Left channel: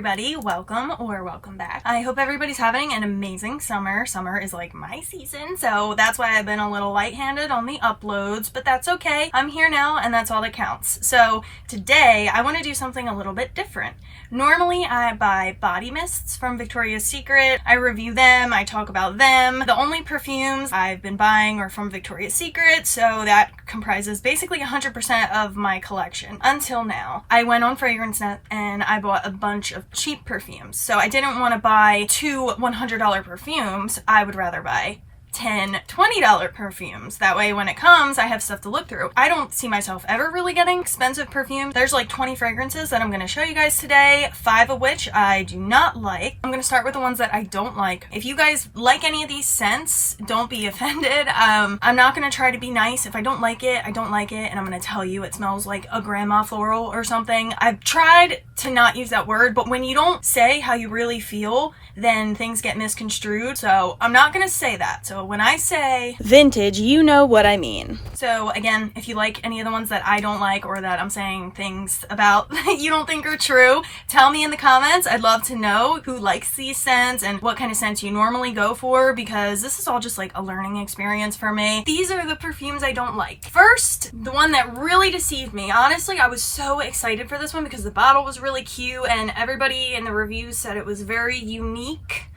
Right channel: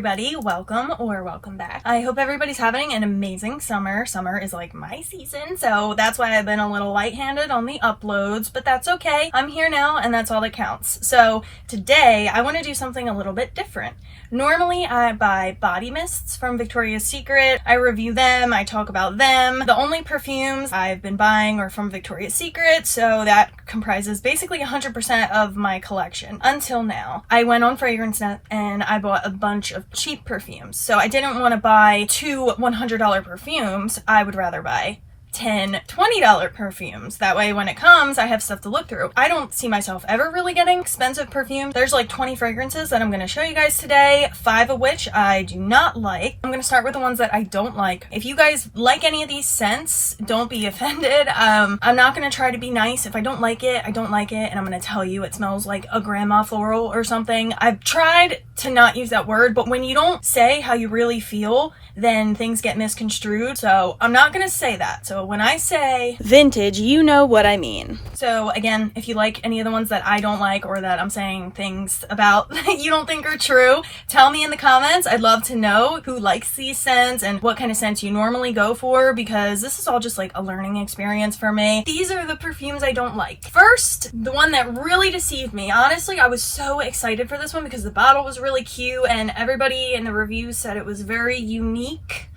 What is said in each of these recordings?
everybody, welcome or welcome back. I hope everybody's having an amazing summer. Summer is like my season, so that's why I've been a little lightheaded on the uploads, but that's okay. I'm here now and that's all that counts. So today I want to do something a little bit different. Normally I buy body mists from Victoria's Secret. I review them, I talk about them. The only perfumes I've been buying are from Victoria's Secret, so that comprises basically 100% of my collection until now. I went on fragrancenet and I bought a bunch of cheap perfumes. So I didn't want to buy two $100 perfumes. I would rather buy $10, $20 perfumes. That way when it comes, I have stuff to look through. I don't see myself ever really getting expensive perfumes. There's like 20 fragrances that I'm going to show you guys today, 5 of which I do not like. I'm going to start with the ones that I don't like. If you guys like any of these scents, don't be offended. I'm not going to try to be nice. If I don't like it, I don't like it, and I'm going to tell you it smells like a grandma floral or something. I've tried to not use that word, but when you don't say how you really feel, then things get misconstrued. So I'm not going to say that. So when I say vintage, you know what I mean. So again, if you like any of the ones that I don't like or that I'm saying things about that you don't think are true, tell me in the comments. I'd love to know who likes these scents and what kind of scents you normally go for, because this is all just like a learning experience for me. These are the perfumes I don't like. First, the one that really deceived me. Honestly, I was so excited for this one because the bottle was really cute and everybody in the reviews said it was very unique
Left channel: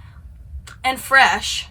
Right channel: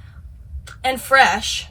and fresh.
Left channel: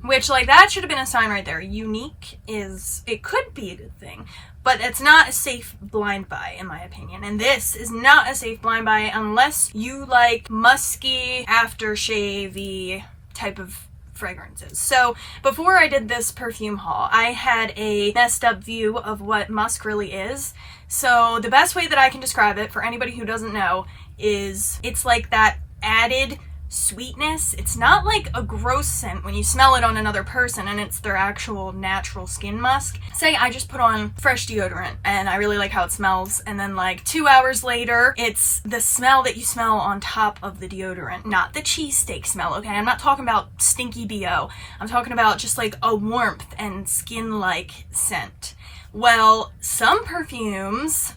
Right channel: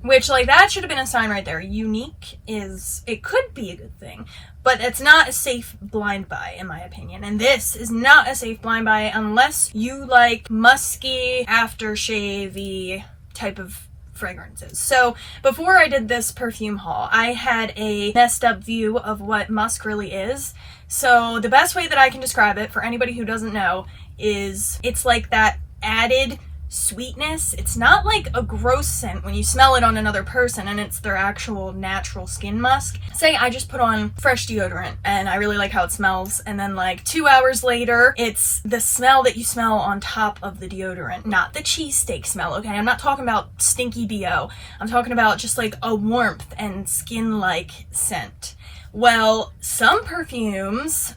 Which, like, that should have been a sign right there. Unique is, it could be a good thing, but it's not a safe blind buy, in my opinion. And this is not a safe blind buy unless you like musky, aftershave-y type of fragrances. So before I did this perfume haul, I had a messed up view of what musk really is. So the best way that I can describe it for anybody who doesn't know is it's like that added sweetness. It's not like a gross scent when you smell it on another person and it's their actual natural skin musk. Say I just put on fresh deodorant and I really like how it smells, and then like 2 hours later it's the smell that you smell on top of the deodorant, not the cheesesteak smell, okay? I'm not talking about stinky BO. I'm talking about just like a warmth and skin-like scent. Well, some perfumes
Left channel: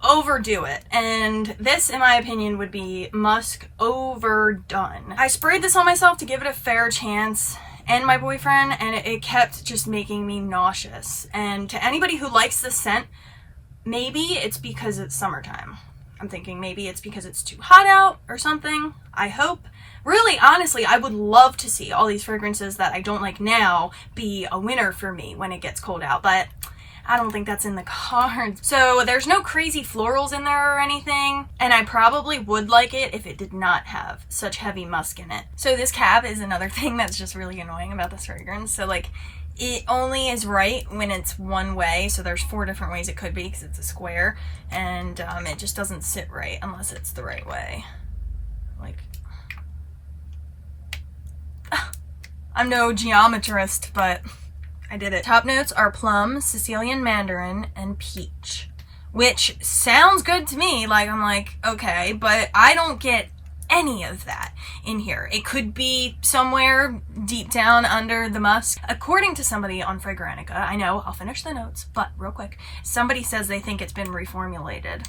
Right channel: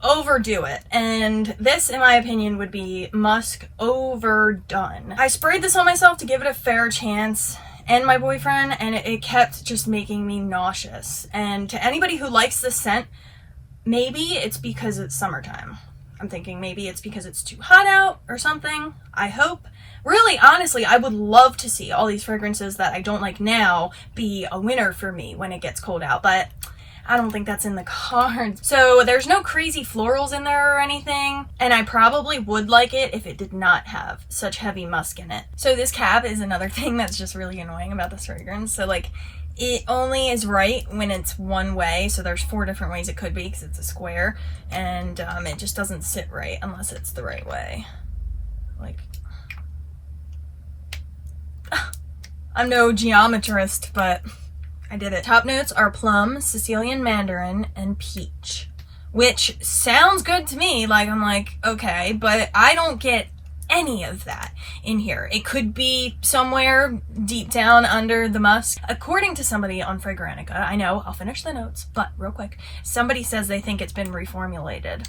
overdo it, and this in my opinion would be musk overdone. I sprayed this on myself to give it a fair chance and my boyfriend, and it kept just making me nauseous. And to anybody who likes this scent, maybe it's because it's summertime. I'm thinking maybe it's because it's too hot out or something. I hope. Really, honestly, I would love to see all these fragrances that I don't like now be a winner for me when it gets cold out, but I don't think that's in the cards. So there's no crazy florals in there or anything, and I probably would like it if it did not have such heavy musk in it. So this cap is another thing that's just really annoying about this fragrance. So like, it only is right when it's one way, so there's 4 different ways it could be because it's a square, and it just doesn't sit right unless it's the right way. Like, I'm no geometrist, but I did it. Top notes are plum, Sicilian mandarin, and peach, which sounds good to me. Like, I'm like, okay, but I don't get any of that in here. It could be somewhere deep down under the musk. According to somebody on Fragrantica, I know, I'll finish the notes, but real quick, somebody says they think it's been reformulated.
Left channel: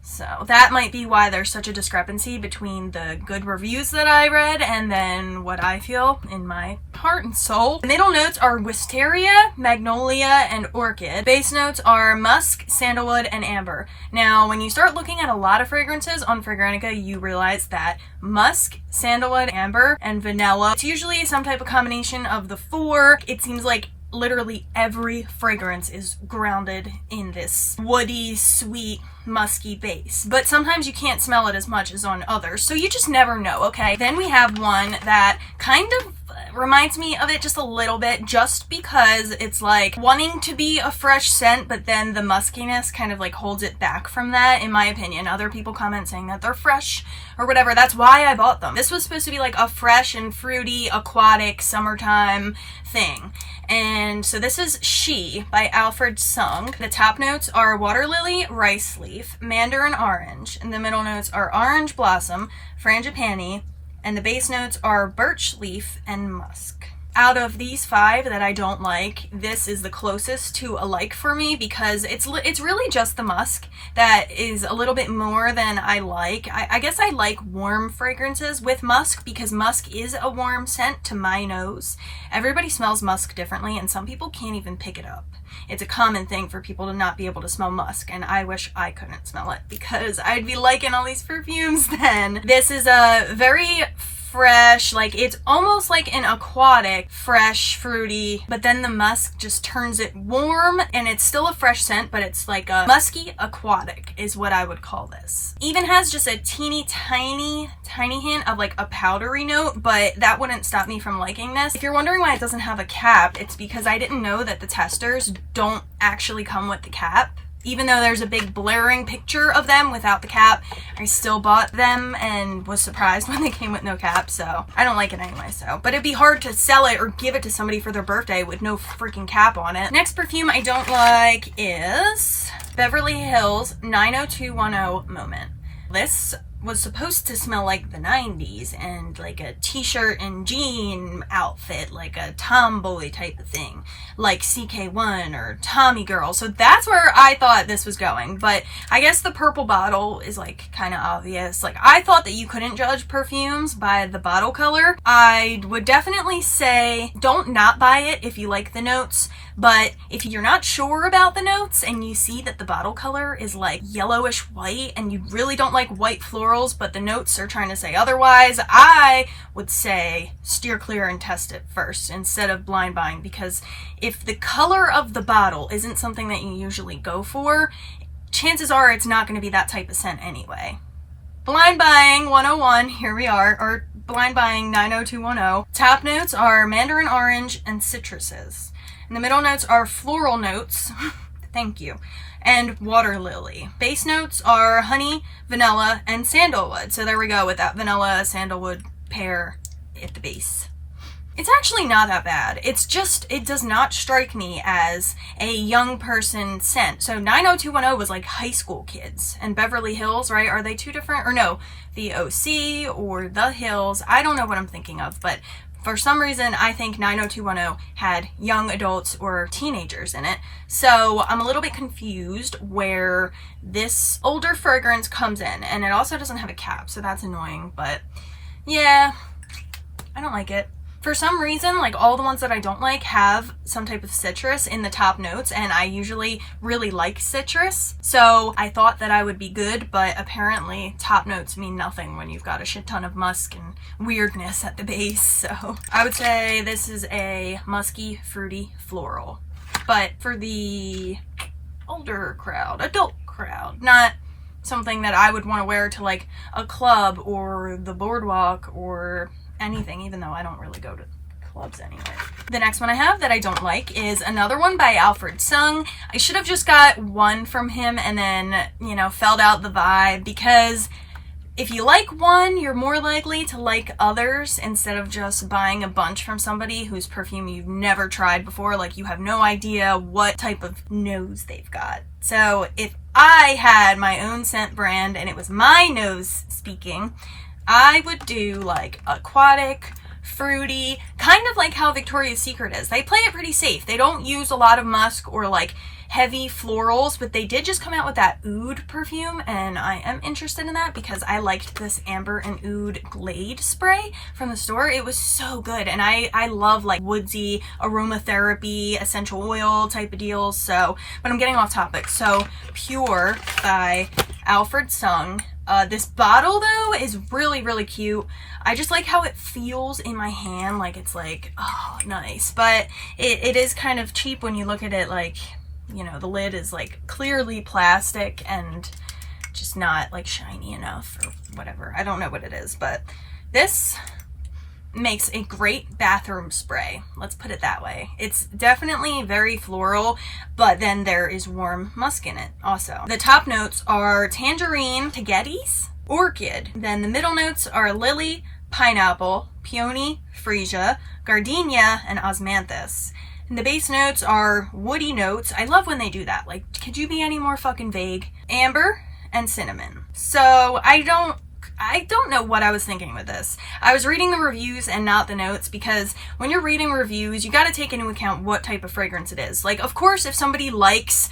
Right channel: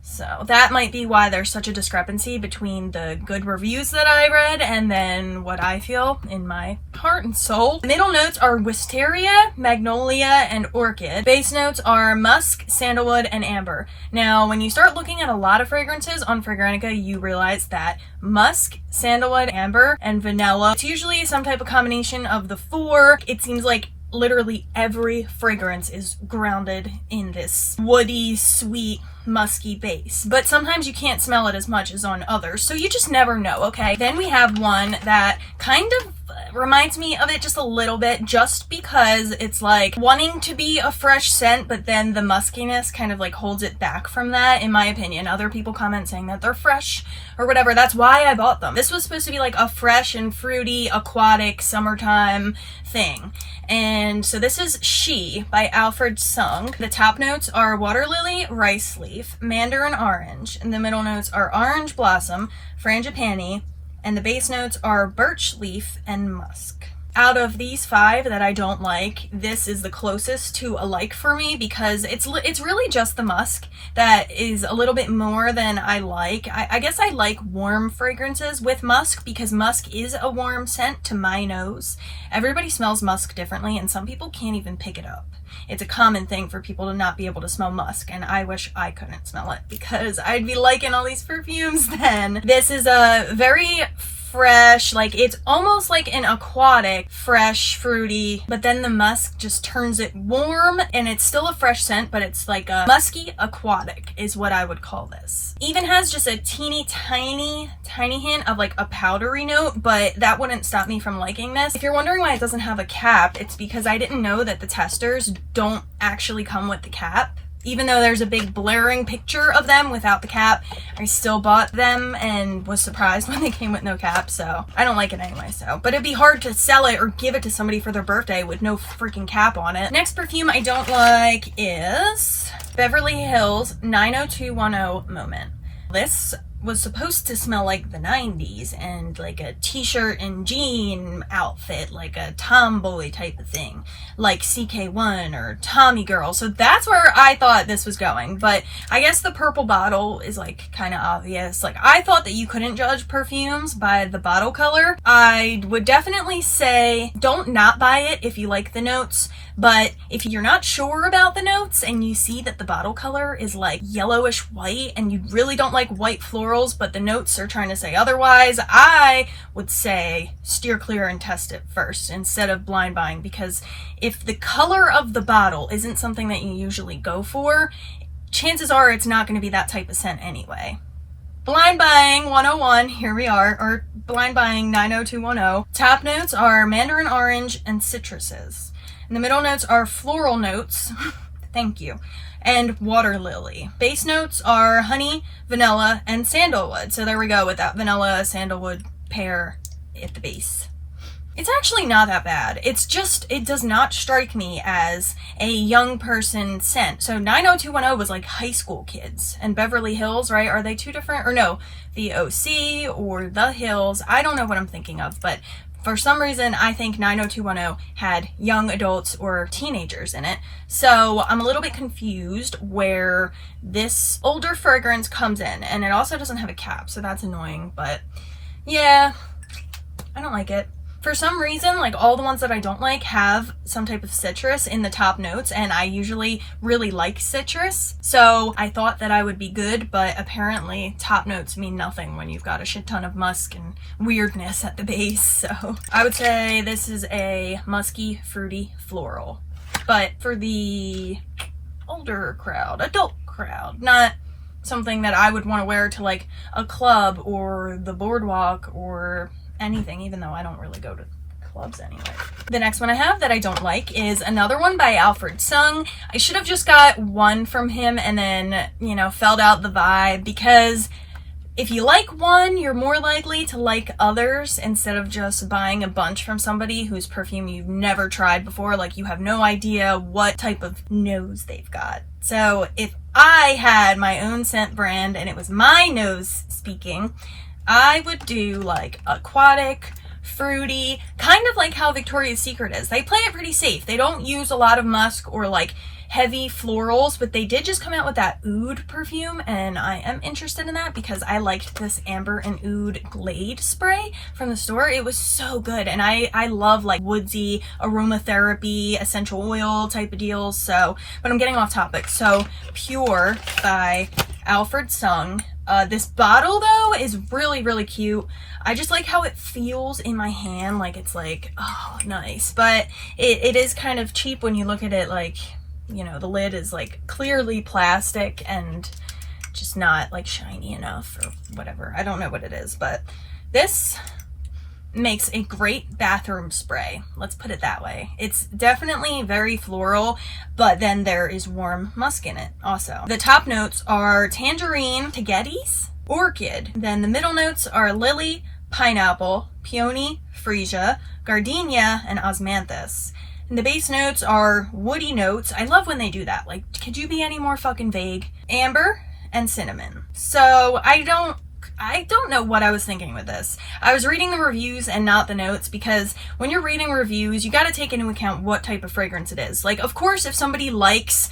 So that might be why there's such a discrepancy between the good reviews that I read and then what I feel in my heart and soul. Middle notes are wisteria, magnolia, and orchid. Base notes are musk, sandalwood, and amber. Now, when you start looking at a lot of fragrances on Fragrantica, you realize that musk, sandalwood, amber, and vanilla, it's usually some type of combination of the 4. It seems like literally every fragrance is grounded in this woody, sweet, musky base, but sometimes you can't smell it as much as on others, so you just never know, okay? Then we have one that kind of reminds me of it just a little bit, just because it's like wanting to be a fresh scent, but then the muskiness kind of like holds it back from that, in my opinion. Other people comment saying that they're fresh or whatever. That's why I bought them. This was supposed to be like a fresh and fruity, aquatic, summertime thing. And so this is She by Alfred Sung. The top notes are water lily, rice leaf, mandarin orange, and the middle notes are orange blossom, frangipani, and the base notes are birch leaf and musk. Out of these 5 that I don't like, this is the closest to a like for me because it's really just the musk that is a little bit more than I like. I guess I like warm fragrances with musk because musk is a warm scent to my nose. Everybody smells musk differently and some people can't even pick it up. It's a common thing for people to not be able to smell musk, and I wish I couldn't smell it because I'd be liking all these perfumes then. This is a very fresh, like it's almost like an aquatic, fresh, fruity, but then the musk just turns it warm, and it's still a fresh scent, but it's like a musky aquatic is what I would call this. Even has just a teeny tiny hint of like a powdery note, but that wouldn't stop me from liking this. If you're wondering why it doesn't have a cap, it's because I didn't know that the testers don't actually come with the cap. Even though there's a big blaring picture of them without the cap, I still bought them and was surprised when they came with no cap, so I don't like it anyway, so. But it'd be hard to sell it or give it to somebody for their birthday with no freaking cap on it. Next perfume I don't like is Beverly Hills 90210 Moment. This was supposed to smell like the 90s and like a t-shirt and jean outfit, like a tomboy type of thing, like CK1 or Tommy Girl. So that's where I thought this was going, but I guess the purple bottle is like kind of obvious. Like I thought that you couldn't judge perfumes by the bottle color. I would definitely say don't not buy it if you like the notes, but if you're not sure about the notes and you see that the bottle color is like yellowish white and you really don't like white florals, but the notes are trying to say otherwise, I would say steer clear and test it first instead of blind buying, because if the color of the bottle isn't something that you usually go for, chances are it's not going to be that type of scent anyway. Blind buying 101, here we are, or blind buying 90210. Top notes are mandarin orange and citruses. And the middle notes are floral notes, thank you, and water lily. Base notes are honey, vanilla, and sandalwood. So there we go with that vanilla sandalwood pair at the base. It's actually not that bad. It's just, it does not strike me as a young person scent. So 90210 was like high school kids, and Beverly Hills, right? Are they two different? Or no, the OC or the Hills. I don't know what I'm thinking of, but for some reason, I think 90210 had young adults or teenagers in it. So I'm a little bit confused where this older fragrance comes in. And it also doesn't have a cap, so that's annoying. But yeah, I don't like it. For some reason, like all the ones that I don't like have some type of citrus in the top notes, and I usually really like citrus. So I thought that I would be good, but apparently top notes mean nothing when you've got a shit ton of musk and weirdness at the base. So I would say this is a musky, fruity, floral. But for the older crowd, adult crowd, not something that I would want to wear to like a club or the boardwalk or anything, even though I don't really go to clubs anyway. The next one I have that I don't like is another one by Alfred Sung. I should have just got one from him and then, you know, felt out the vibe, because if you like one, you're more likely to like others instead of just buying a bunch from somebody whose perfume you've never tried before. Like you have no idea what type of nose they've got. So if I had my own scent brand and it was my nose speaking, I would do like aquatic, fruity, kind of like how Victoria's Secret is. They play it pretty safe. They don't use a lot of musk or like heavy florals, but they did just come out with that oud perfume, and I am interested in that because I liked this amber and oud Glade spray from the store. It was so good, and I love like woodsy aromatherapy, essential oil type of deals. So, but I'm getting off topic. So Pure by Alfred Sung. This bottle though is really, really cute. I just like how it feels in my hand, like it's like, oh, nice. But it is kind of cheap when you look at it, like, you know, the lid is like clearly plastic and just not like shiny enough or whatever. I don't know what it is, but this makes a great bathroom spray. Let's put it that way. It's definitely very floral, but then there is warm musk in it also. The top notes are tangerine, tagetes, orchid. Then the middle notes are lily, pineapple, peony, freesia, gardenia, and osmanthus. And the base notes are woody notes. I love when they do that. Like, could you be any more fucking vague? Amber and cinnamon. So I don't I don't know what I was thinking with this. I was reading the reviews and not the notes, because when you're reading reviews, you got to take into account what type of fragrance it is. Like, of course, if somebody likes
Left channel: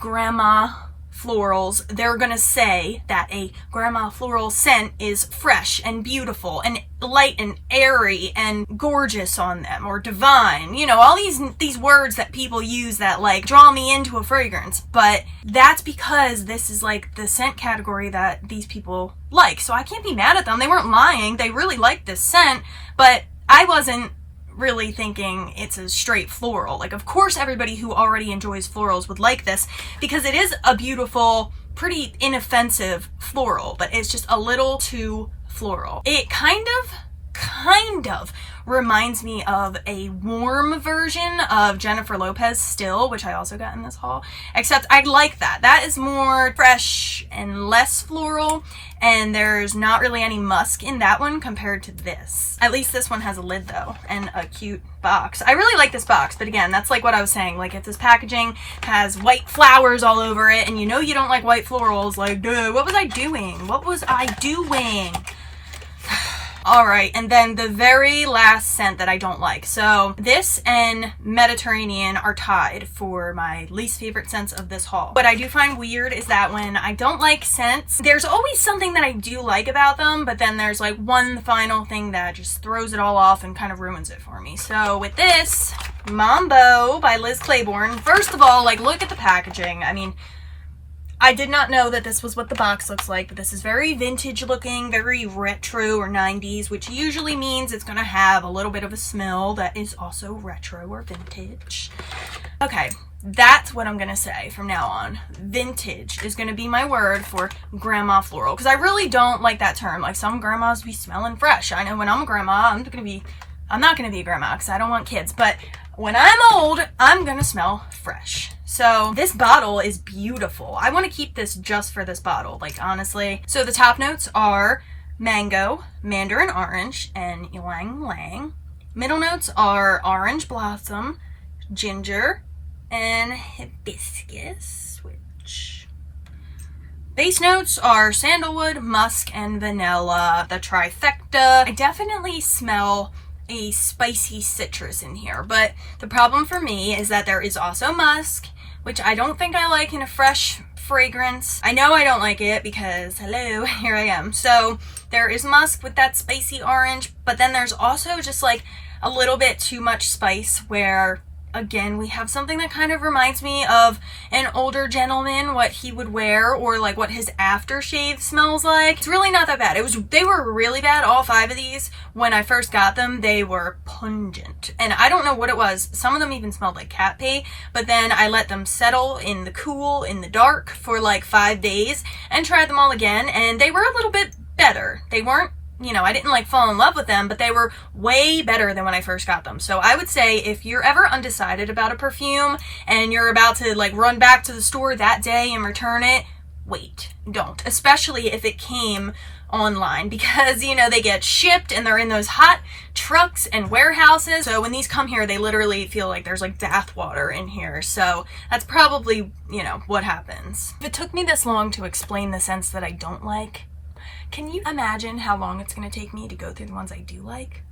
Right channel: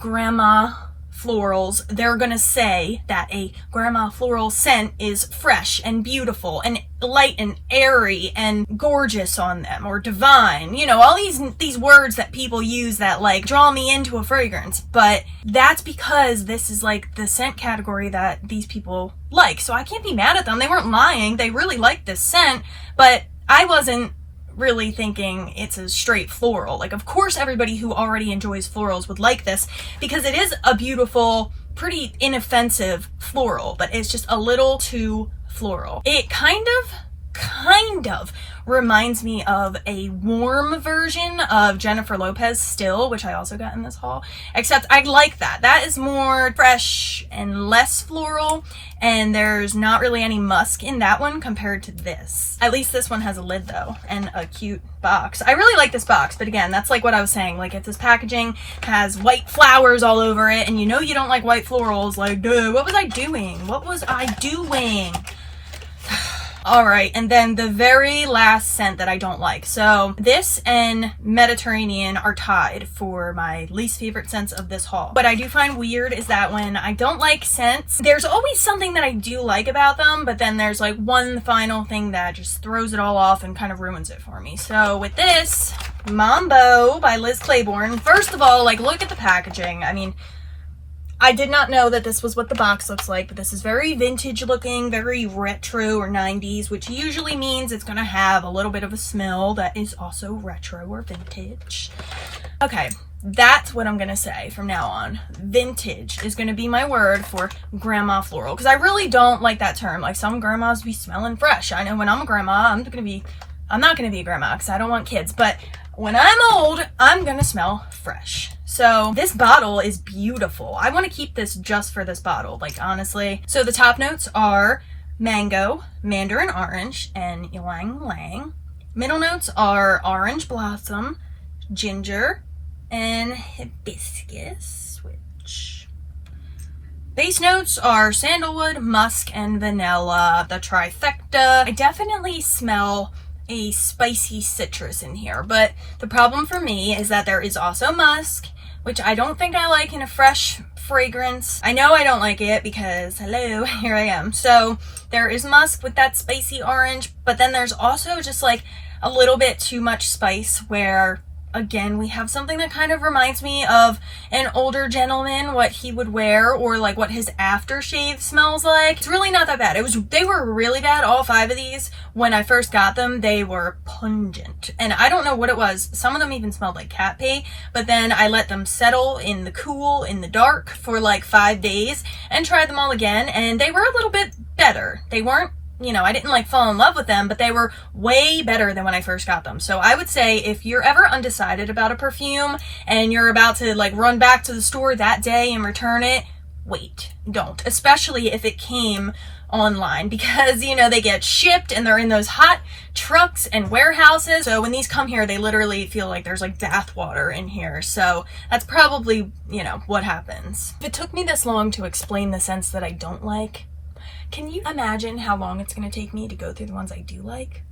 grandma florals, they're gonna say that a grandma floral scent is fresh and beautiful and light and airy and gorgeous on them, or divine, you know, all these words that people use that like draw me into a fragrance. But that's because this is like the scent category that these people like, so I can't be mad at them. They weren't lying, they really liked this scent, but I wasn't really thinking it's a straight floral. Like, of course everybody who already enjoys florals would like this, because it is a beautiful, pretty inoffensive floral, but it's just a little too floral. It kind of reminds me of a warm version of Jennifer Lopez Still, which I also got in this haul, except I like that. That is more fresh and less floral, and there's not really any musk in that one compared to this. At least this one has a lid though, and a cute box. I really like this box, but again, that's like what I was saying. Like, if this packaging has white flowers all over it, and you know you don't like white florals, like, dude, what was I doing? What was I doing? Alright, and then the very last scent that I don't like. So this and Mediterranean are tied for my least favorite scents of this haul. What I do find weird is that when I don't like scents, there's always something that I do like about them, but then there's like one final thing that just throws it all off and kind of ruins it for me. So with this, Mambo by Liz Claiborne, first of all, like, look at the packaging. I mean, I did not know that this was what the box looks like, but this is very vintage looking, very retro or 90s, which usually means it's going to have a little bit of a smell that is also retro or vintage. Okay, that's what I'm going to say from now on. Vintage is going to be my word for grandma floral, because I really don't like that term. Like, some grandmas be smelling fresh. I know when I'm a grandma, I'm not going to be a grandma because I don't want kids, but when I'm old, I'm going to smell fresh. So this bottle is beautiful. I want to keep this just for this bottle, like, honestly. So the top notes are mango, mandarin orange, and ylang ylang. Middle notes are orange blossom, ginger, and hibiscus switch. Base notes are sandalwood, musk, and vanilla, the trifecta. I definitely smell a spicy citrus in here, but the problem for me is that there is also musk, which I don't think I like in a fresh fragrance. I know I don't like it because, hello, here I am. So there is musk with that spicy orange, but then there's also just like a little bit too much spice where, again, we have something that kind of reminds me of an older gentleman, what he would wear, or like what his aftershave smells like. It's really not that bad. They were really bad, all 5 of these. When I first got them, they were pungent. And I don't know what it was. Some of them even smelled like cat pee, but then I let them settle in the cool, in the dark for like 5 days and tried them all again, and they were a little bit better. They weren't, you know, I didn't like fall in love with them, but they were way better than when I first got them. So I would say if you're ever undecided about a perfume and you're about to like run back to the store that day and return it, wait, don't. Especially if it came online, because, you know, they get shipped and they're in those hot trucks and warehouses. So when these come here, they literally feel like there's like bath water in here. So that's probably, you know, what happens. If it took me this long to explain the scents that I don't like, can you imagine how long it's going to take me to go through the ones I do like?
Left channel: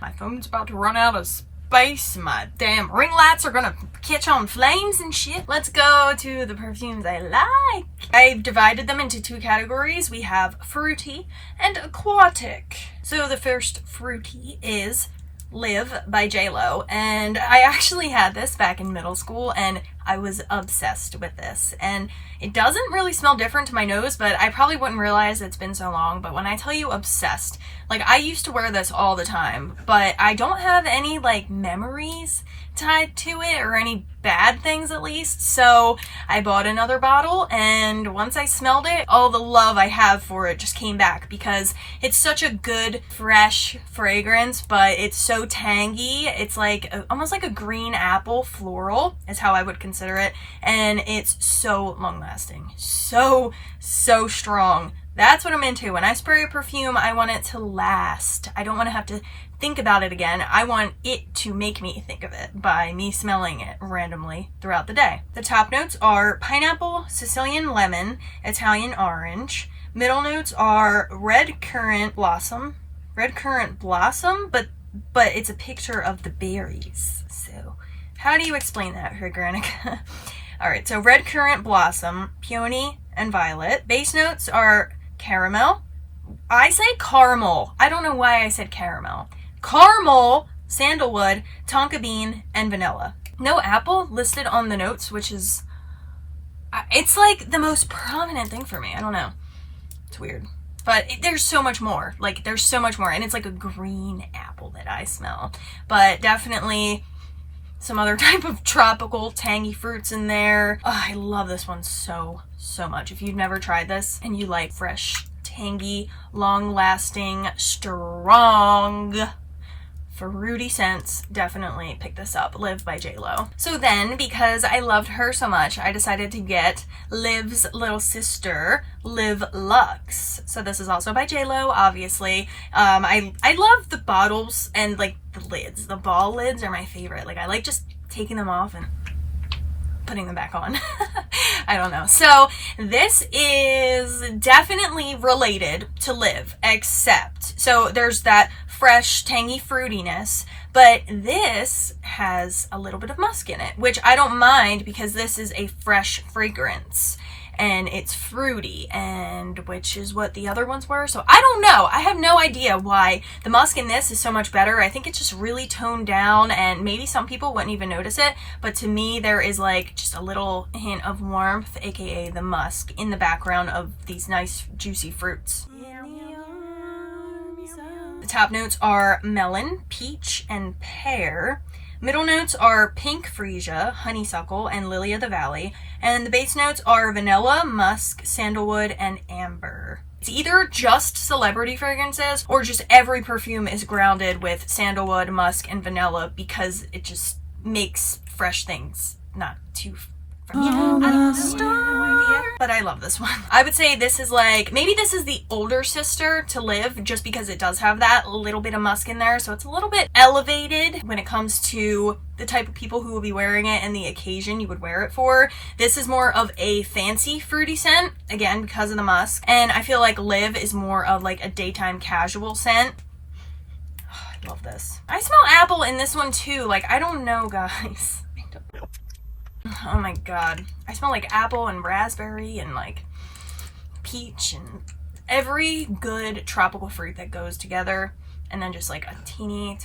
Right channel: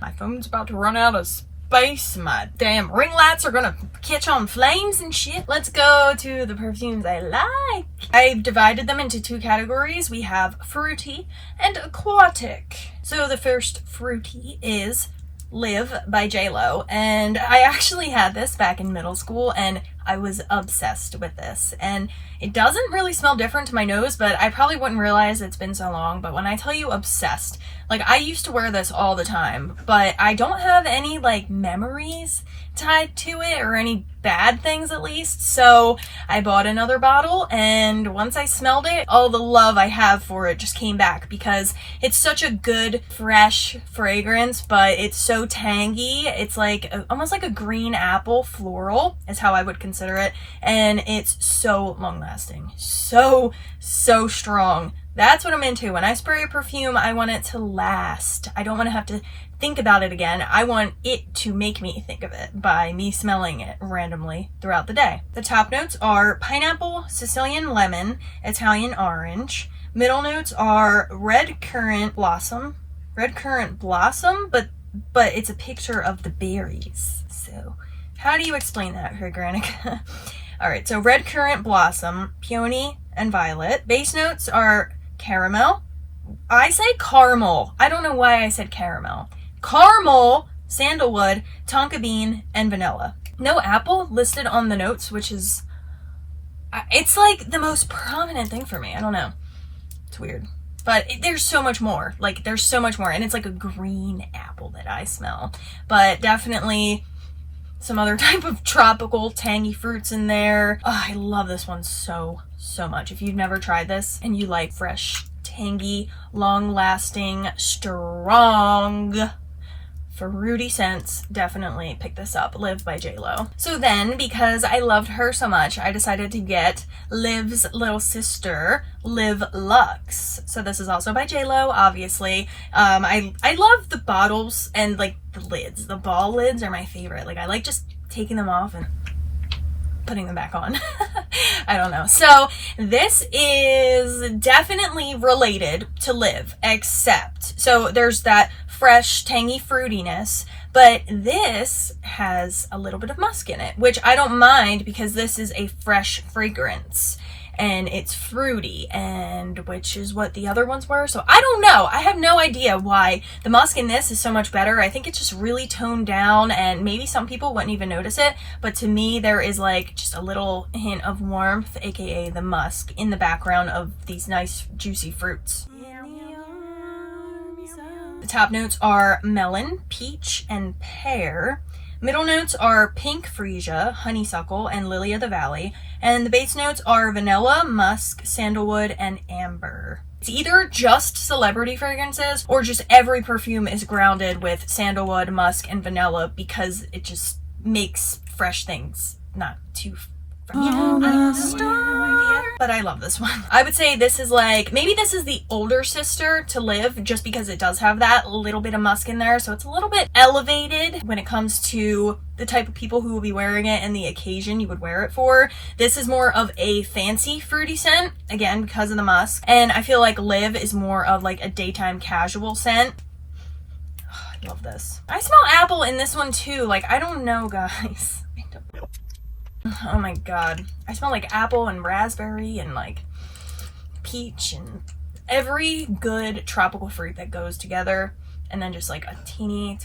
My phone's about to run out of space. My damn ring lights are going to catch on flames and shit. Let's go to the perfumes I like. I've divided them into 2 categories. We have fruity and aquatic. So the first fruity is Live by JLo, and I actually had this back in middle school and I was obsessed with this, and it doesn't really smell different to my nose, but I probably wouldn't realize it's been so long. But when I tell you obsessed, like, I used to wear this all the time, but I don't have any like memories tied to it, or any bad things at least. So I bought another bottle, and once I smelled it, all the love I have for it just came back, because it's such a good fresh fragrance, but it's so tangy. It's like almost like a green apple floral is how I would consider it, and it's so long lasting, so strong. That's what I'm into. When I spray a perfume, I want it to last. I don't want to have to think about it again. I want it to make me think of it by me smelling it randomly throughout the day. The top notes are pineapple, Sicilian lemon, Italian orange, Middle notes are red currant blossom, but it's a picture of the berries. So how do you explain that, Hergranica? All right, so red currant blossom, peony, and violet. Base notes are caramel. I say caramel. I don't know why I said caramel. Caramel, sandalwood, tonka bean, and vanilla. No apple listed on the notes, which is, it's like the most prominent thing for me. I don't know. It's weird. But there's so much more. Like, there's so much more. And it's like a green apple that I smell. But definitely some other type of tropical tangy fruits in there. Oh, I love this one so much. If you've never tried this and you like fresh, tangy, long-lasting, strong, fruity scents, definitely pick this up. Live by JLo. So then, because I loved her so much, I decided to get Liv's little sister, Live Luxe. So this is also by JLo, obviously. I love the bottles and like the lids. The ball lids are my favorite. Like, I like just taking them off and putting them back on. I don't know. So this is definitely related to Live, except, so there's that fresh, tangy fruitiness, but this has a little bit of musk in it, which I don't mind because this is a fresh fragrance and it's fruity, and which is what the other ones were. So I don't know. I have no idea why the musk in this is so much better. I think it's just really toned down, and maybe some people wouldn't even notice it, but to me there is like just a little hint of warmth, aka the musk, in the background of these nice juicy fruits. The top notes are melon, peach, and pear. Middle notes are pink freesia, honeysuckle, and lily of the valley. And the base notes are vanilla, musk, sandalwood, and amber. It's either just celebrity fragrances or just every perfume is grounded with sandalwood, musk, and vanilla because it just makes fresh things not too fresh. But I love this one. I would say this is like, maybe this is the older sister to Live, just because it does have that little bit of musk in there. So it's a little bit elevated when it comes to the type of people who will be wearing it and the occasion you would wear it for. This is more of a fancy fruity scent, again, because of the musk. And I feel like Live is more of like a daytime casual scent. Oh, I love this. I smell apple in this one too. Like, I don't know, guys. Oh my god. I smell like apple and raspberry and like peach and every good tropical fruit that goes together, and then just like a tiny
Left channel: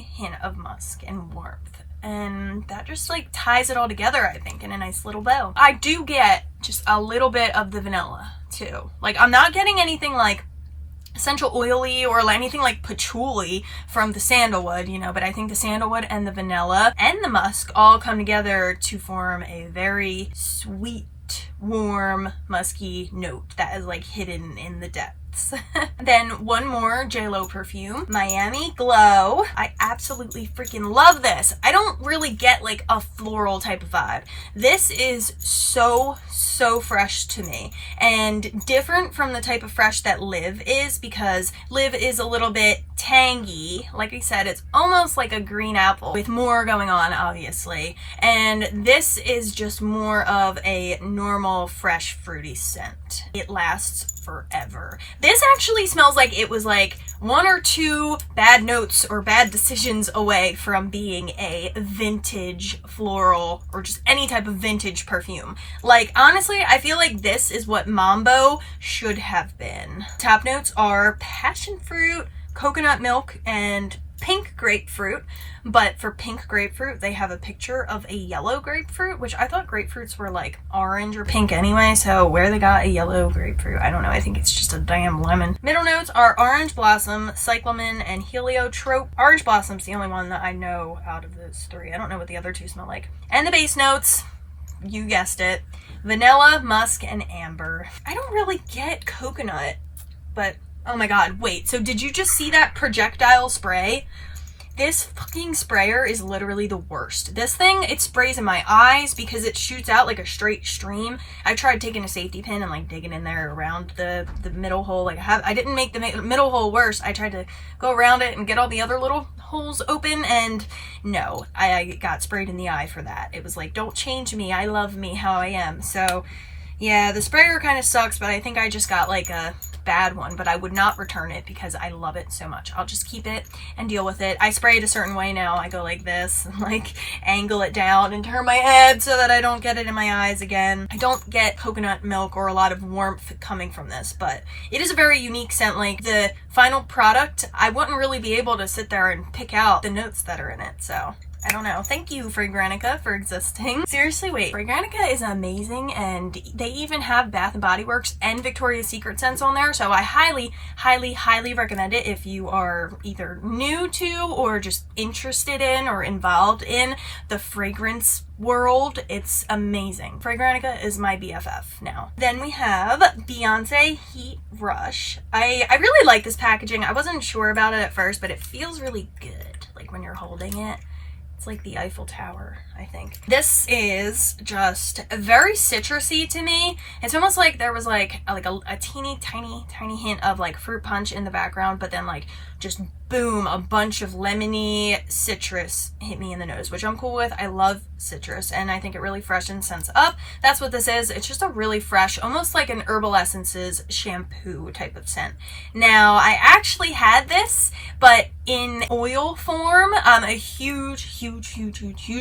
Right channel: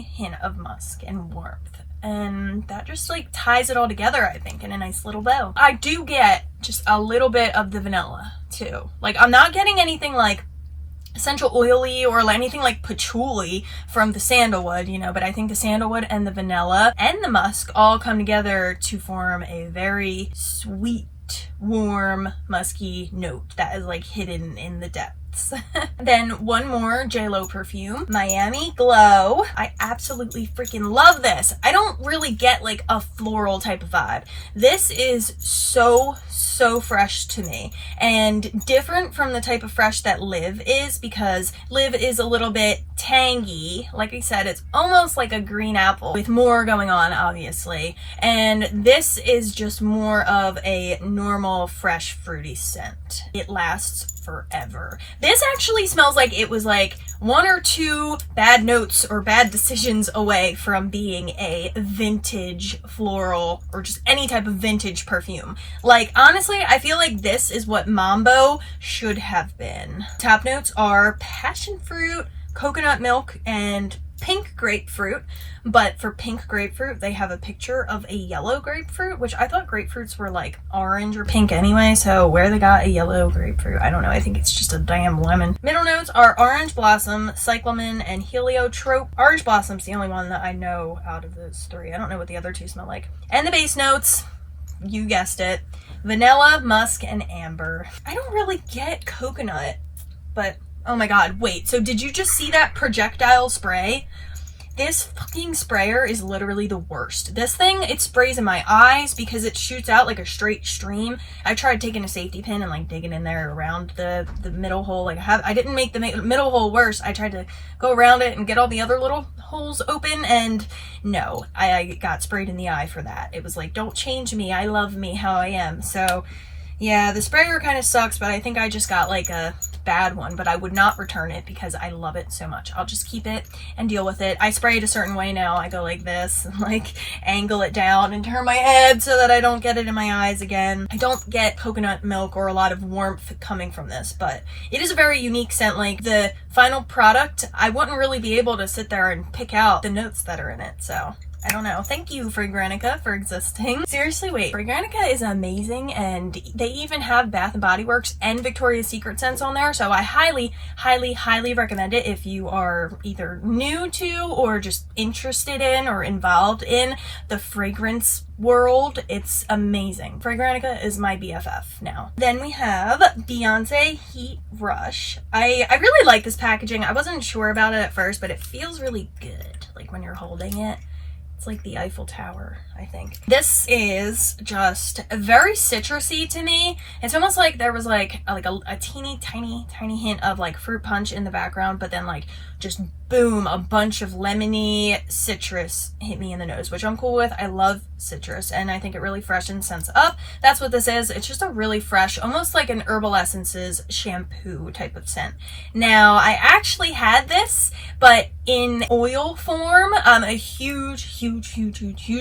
hint of musk and warmth, and that just like ties it all together, I think, in a nice little bow. I do get just a little bit of the vanilla too. Like, I'm not getting anything like essential oily or anything like patchouli from the sandalwood, you know, but I think the sandalwood and the vanilla and the musk all come together to form a very sweet, warm, musky note that is like hidden in the depths. Then one more JLo perfume, Miami Glow. I absolutely freaking love this. I don't really get like a floral type of vibe. This is so fresh to me, and different from the type of fresh that Live is, because Live is a little bit tangy. Like I said, it's almost like a green apple with more going on, obviously, and this is just more of a normal fresh fruity scent. It lasts forever. This actually smells like it was like one or two bad notes or bad decisions away from being a vintage floral or just any type of vintage perfume. Like, honestly, I feel like this is what Mambo should have been. Top notes are passion fruit, coconut milk, and pink grapefruit, but for pink grapefruit they have a picture of a yellow grapefruit, which I thought grapefruits were like orange or pink anyway, so where they got a yellow grapefruit, I don't know. I think it's just a damn lemon. Middle notes are orange blossom, cyclamen, and heliotrope. Orange blossom's the only one that I know out of those three. I don't know what the other two smell like. And the base notes, you guessed it, vanilla, musk, and amber. I don't really get coconut, but oh my god, wait, so did you just see that projectile spray? This fucking sprayer is literally the worst. This thing, it sprays in my eyes because it shoots out like a straight stream. I tried taking a safety pin and like digging in there around the middle hole. Like, I didn't make the middle hole worse. I tried to go around it and get all the other little holes open, and no, I got sprayed in the eye for that. It was like, don't change me, I love me how I am. So Yeah, the sprayer kind of sucks, but I think I just got like a bad one, but I would not return it because I love it so much. I'll just keep it and deal with it. I spray it a certain way now. I go like this and like angle it down and turn my head so that I don't get it in my eyes again. I don't get coconut milk or a lot of warmth coming from this, but it is a very unique scent. Like the final product, I wouldn't really be able to sit there and pick out the notes that are in it, so I don't know. Thank you, Fragrantica, for existing. Seriously, wait. Fragrantica is amazing, and they even have Bath & Body Works and Victoria's Secret scents on there, so I highly, highly, highly recommend it if you are either new to or just interested in or involved in the fragrance world. It's amazing. Fragrantica is my BFF now. Then we have Beyonce Heat Rush. I really like this packaging. I wasn't sure about it at first, but it feels really good, like when you're holding it. It's like the Eiffel Tower, I think. This is just very citrusy to me. It's almost like there was like a teeny tiny hint of like fruit punch in the background, but then like just boom, a bunch of lemony citrus hit me in the nose, which I'm cool with. I love citrus and I think it really freshens scents up. That's what this is. It's just a really fresh, almost like an Herbal Essences shampoo type of scent. Now, I actually had this, but in oil form. I'm a huge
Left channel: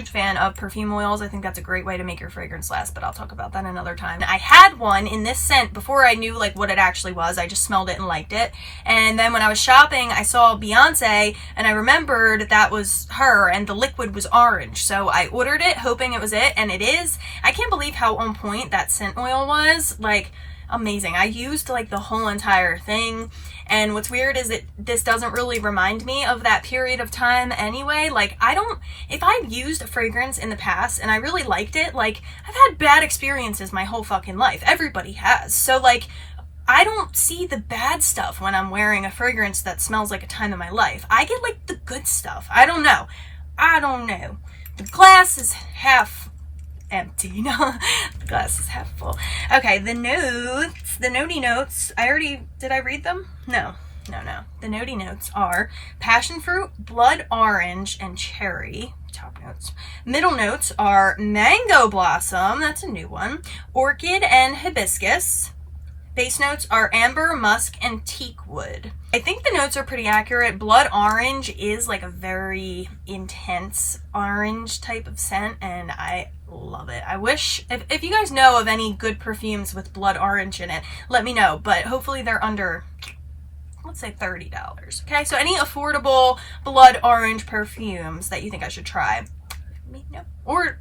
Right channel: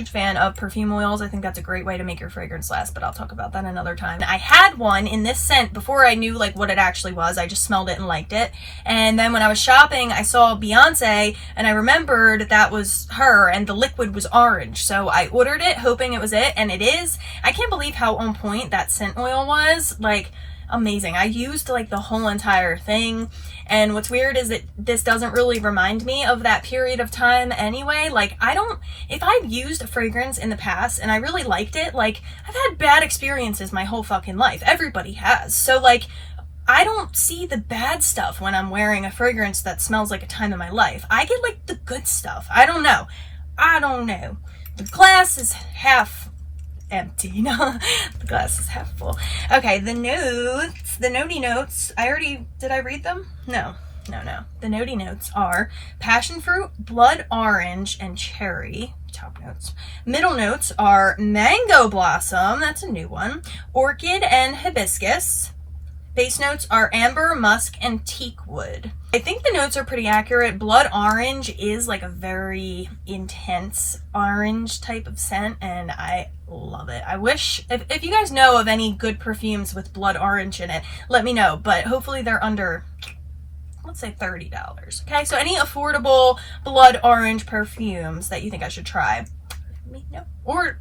fan of perfume oils. I think that's a great way to make your fragrance last, but I'll talk about that another time. I had one in this scent before I knew like what it actually was. I just smelled it and liked it. And then when I was shopping, I saw Beyonce and I remembered that was her and the liquid was orange. So I ordered it hoping it was it, and it is. I can't believe how on point that scent oil was. Like, amazing. I used like the whole entire thing, and what's weird is that this doesn't really remind me of that period of time anyway. Like, if I've used a fragrance in the past and I really liked it, like, I've had bad experiences my whole fucking life. Everybody has. So like, I don't see the bad stuff when I'm wearing a fragrance that smells like a time in my life. I get like the good stuff. I don't know. The glass is half empty. No, the glass is half full. Okay, the notes, the notey notes. Did I read them? No. The notey notes are passion fruit, blood orange, and cherry. Top notes. Middle notes are mango blossom. That's a new one. Orchid and hibiscus. Base notes are amber, musk, and teak wood. I think the notes are pretty accurate. Blood orange is like a very intense orange type of scent, and I love it. I wish, if you guys know of any good perfumes with blood orange in it, let me know, but hopefully they're under, let's say $30. Okay, so any affordable blood orange perfumes that you think I should try, let me know. Or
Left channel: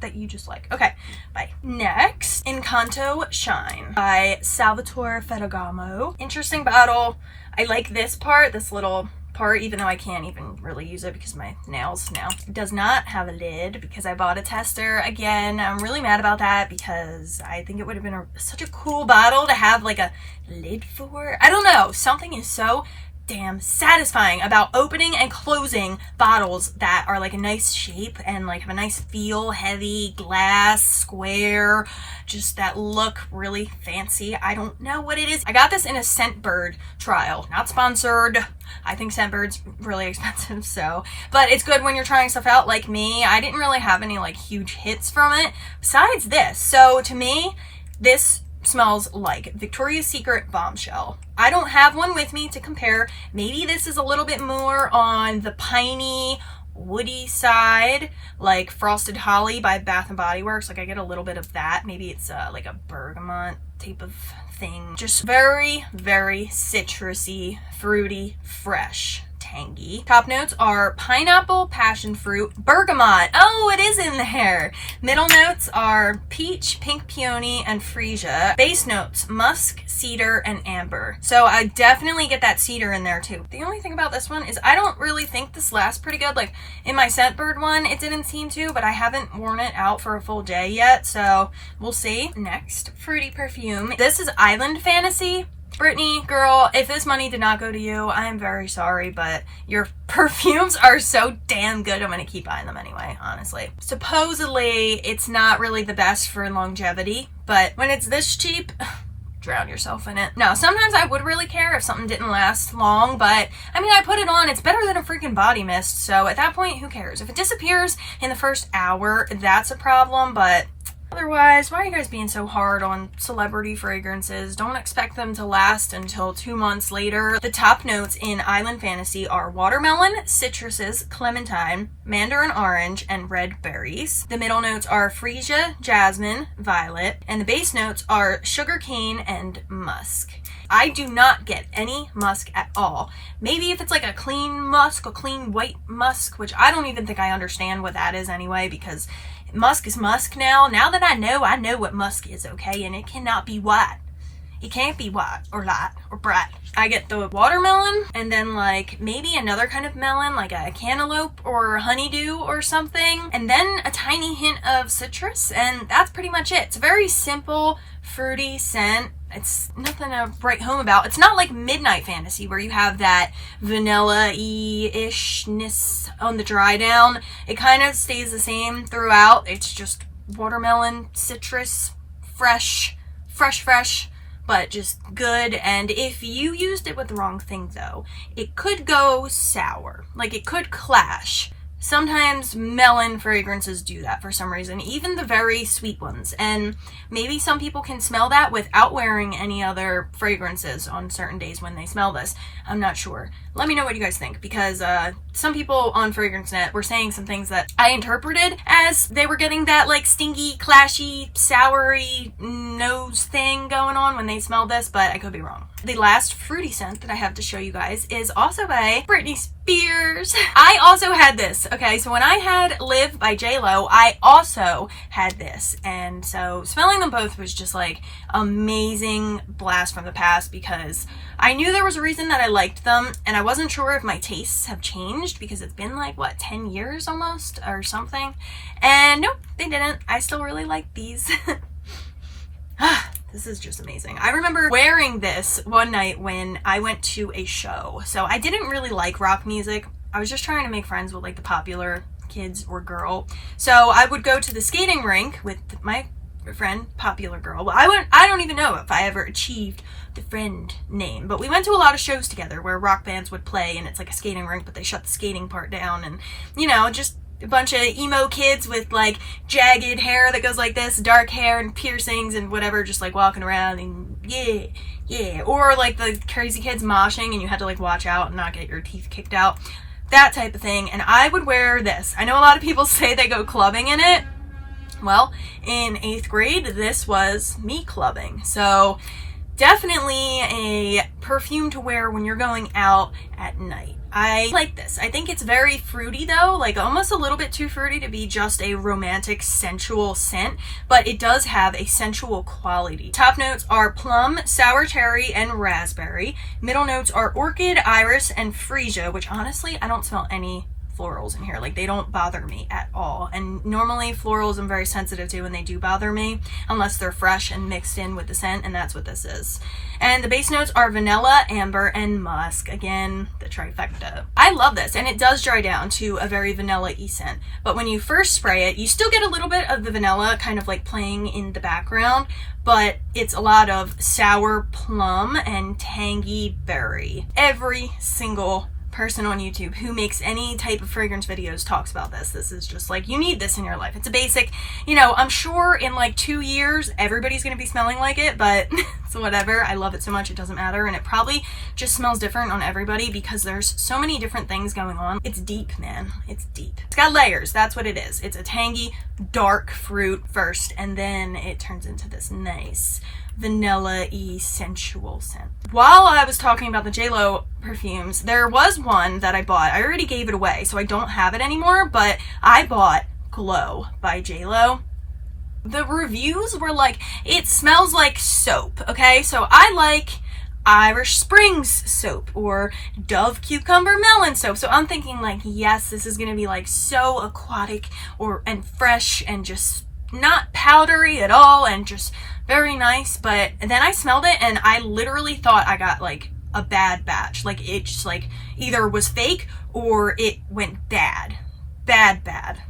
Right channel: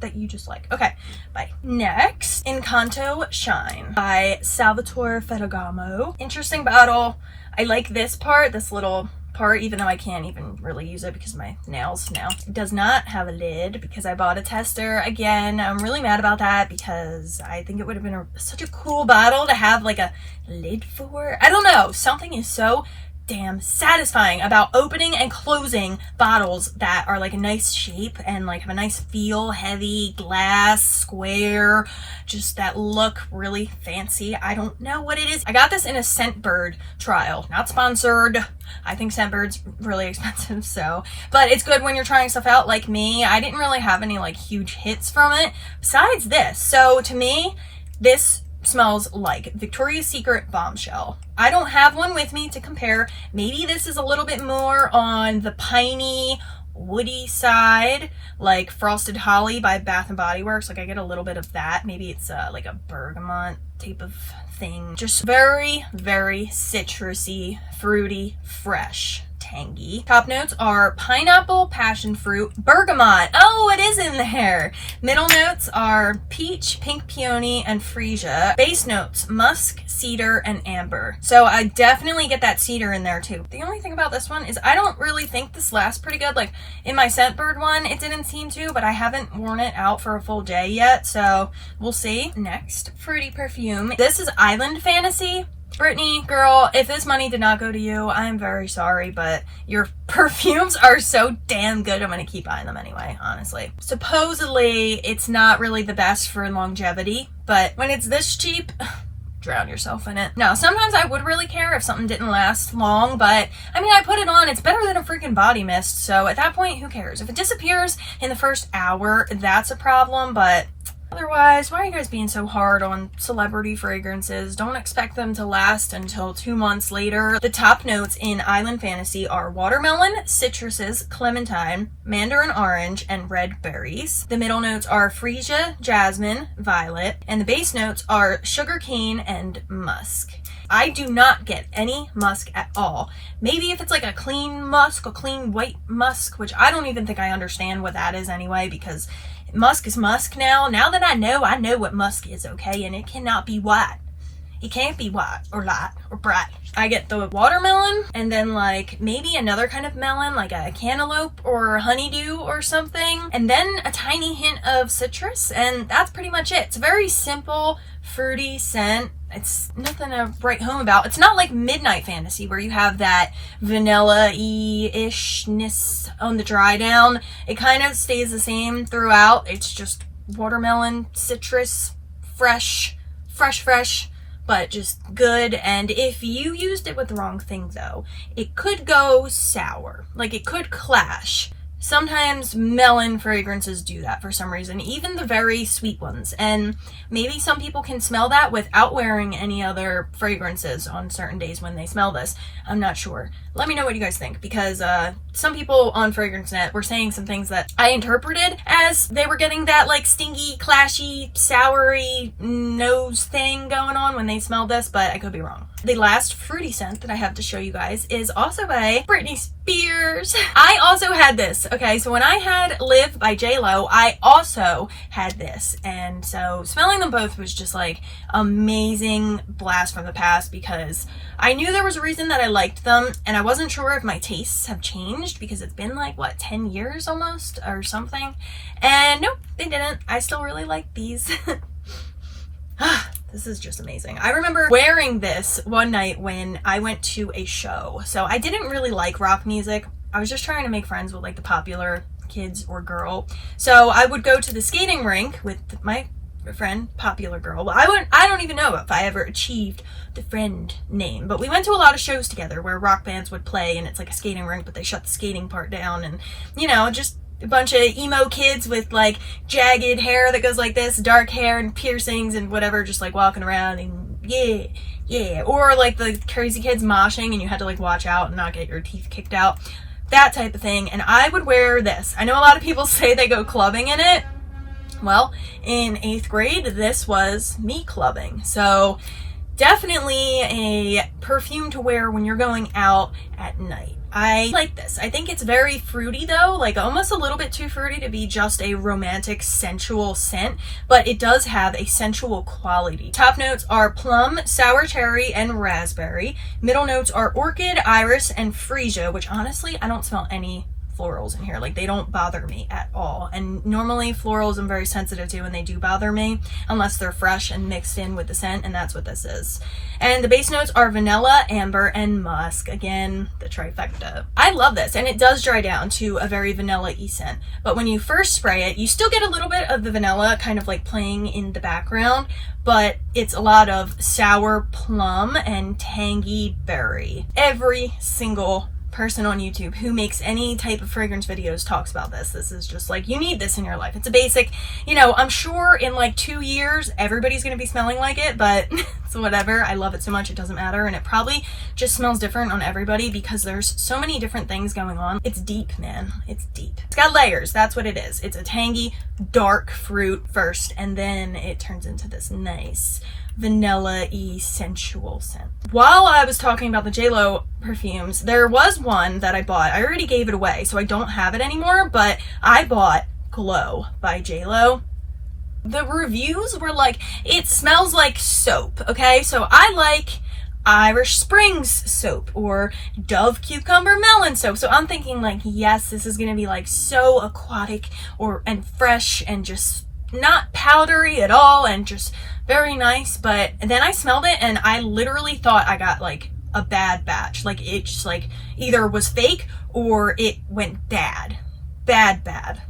that you just like. Okay, bye. Next, Incato Shine by Salvatore Ferragamo. Interesting bottle. I like this part, this little part, even though I can't even really use it because my nails now. It does not have a lid because I bought a tester. Again, I'm really mad about that because I think it would have been such a cool bottle to have like a lid for. I don't know. Something is so damn satisfying about opening and closing bottles that are like a nice shape and like have a nice feel, heavy glass, square, just that look really fancy. I don't know what it is. I got this in a Scentbird trial, not sponsored. I think Scentbird's really expensive, so, but it's good when you're trying stuff out like me. I didn't really have any like huge hits from it besides this. So to me, this smells like Victoria's Secret Bombshell. I don't have one with me to compare. Maybe this is a little bit more on the piney, woody side, like Frosted Holly by Bath & Body Works. Like I get a little bit of that. Maybe it's like a bergamot type of thing. Just very, very citrusy, fruity, fresh. Tangy. Top notes are pineapple, passion fruit, bergamot. Oh, it is in there. Middle notes are peach, pink peony, and freesia. Base notes, musk, cedar, and amber. So I definitely get that cedar in there too. The only thing about this one is I don't really think this lasts pretty good. Like in my Scentbird one, it didn't seem to, but I haven't worn it out for a full day yet, so we'll see. Next, fruity perfume. This is Island Fantasy. Britney, girl, if this money did not go to you, I am very sorry, but your perfumes are so damn good. I'm going to keep buying them anyway, honestly. Supposedly, it's not really the best for longevity, but when it's this cheap, drown yourself in it. No, sometimes I would really care if something didn't last long, but I mean, I put it on, it's better than a freaking body mist, so at that point, who cares? If it disappears in the first hour, that's a problem, but Otherwise, why are you guys being so hard on celebrity fragrances? Don't expect them to last until 2 months later. The top notes in Island Fantasy are watermelon, citruses, clementine, mandarin orange, and red berries. The middle notes are freesia, jasmine, violet, and the base notes are sugar cane and musk. I do not get any musk at all. Maybe if it's like a clean musk, a clean white musk, which I don't even think I understand what that is anyway, because musk is musk now. Now that I know what musk is, okay? And it cannot be white. It can't be white or light or bright. I get the watermelon and then like maybe another kind of melon, like a cantaloupe or honeydew or something. And then a tiny hint of citrus, and that's pretty much it. It's a very simple, fruity scent. It's nothing to write home about. It's not like Midnight Fantasy where you have that vanilla-y-ishness on the dry down. It kind of stays the same throughout. It's just watermelon, citrus, fresh, but just good. And if you used it with the wrong thing though, it could go sour. Like it could clash. Sometimes melon fragrances do that for some reason, even the very sweet ones. And maybe some people can smell that without wearing any other fragrances on certain days when they smell this. I'm not sure. Let me know what you guys think, because some people on FragranceNet were saying some things that I interpreted as they were getting that like stingy, clashy, soury nose thing going on when they smelled this, but I could be wrong. The last fruity scent that I have to show you guys is also by Britney Spears. I also had this. Okay, so when I had Live by J-Lo, I also had this. And so smelling them both was just like amazing blast from the past, because I knew there was a reason that I liked them, and I wasn't sure if my tastes have changed because it's been like, what, 10 years almost or something? And nope, they didn't. I still really like these. This is just amazing. I remember wearing this one night when I went to a show. So I didn't really like rock music. I was just trying to make friends with like the popular kids or girl. So I would go to the skating rink with my friend, popular girl. Well, I don't even know if I ever achieved the friend name, but we went to a lot of shows together where rock bands would play, and it's like a skating rink, but they shut the skating part down, and you know, just a bunch of emo kids with like jagged hair that goes like this, dark hair and piercings and whatever, just like walking around and yeah, or like the crazy kids moshing and you had to like watch out and not get your teeth kicked out, that type of thing. And I would wear this. I know a lot of people say they go clubbing in it. Well, in 8th grade, this was me clubbing. So definitely a perfume to wear when you're going out at night. I like this. I think it's very fruity though, like almost a little bit too fruity to be just a romantic, sensual scent, but it does have a sensual quality. Top notes are plum, sour cherry, and raspberry. Middle notes are orchid, iris, and freesia, which honestly, I don't smell any florals in here. Like they don't bother me at all. And normally florals I'm very sensitive to, and they do bother me unless they're fresh and mixed in with the scent, and that's what this is. And the base notes are vanilla, amber, and musk. Again, the trifecta. I love this, and it does dry down to a very vanilla-y scent. But when you first spray it, you still get a little bit of the vanilla kind of like playing in the background, but it's a lot of sour plum and tangy berry. Every single person on YouTube who makes any type of fragrance videos talks about this. This is just like, you need this in your life. It's a basic, you know, I'm sure in like 2 years everybody's gonna be smelling like it, but it's whatever. I love it so much it doesn't matter, and it probably just smells different on everybody because there's so many different things going on. It's deep, man. It's deep. It's got layers. That's what it is. It's a tangy, dark fruit first, and then it turns into this nice vanilla-y sensual scent. While I was talking about the J-Lo perfumes, there was one that I bought. I already gave it away, so I don't have it anymore, but I bought Glow by J-Lo. The reviews were like, it smells like soap, okay? So I like Irish Springs soap or Dove Cucumber Melon soap. So I'm thinking like, yes, this is gonna be like so aquatic and fresh and just not powdery at all and just very nice. But then I smelled it and I literally thought I got like a bad batch. Like it just like either was fake or it went bad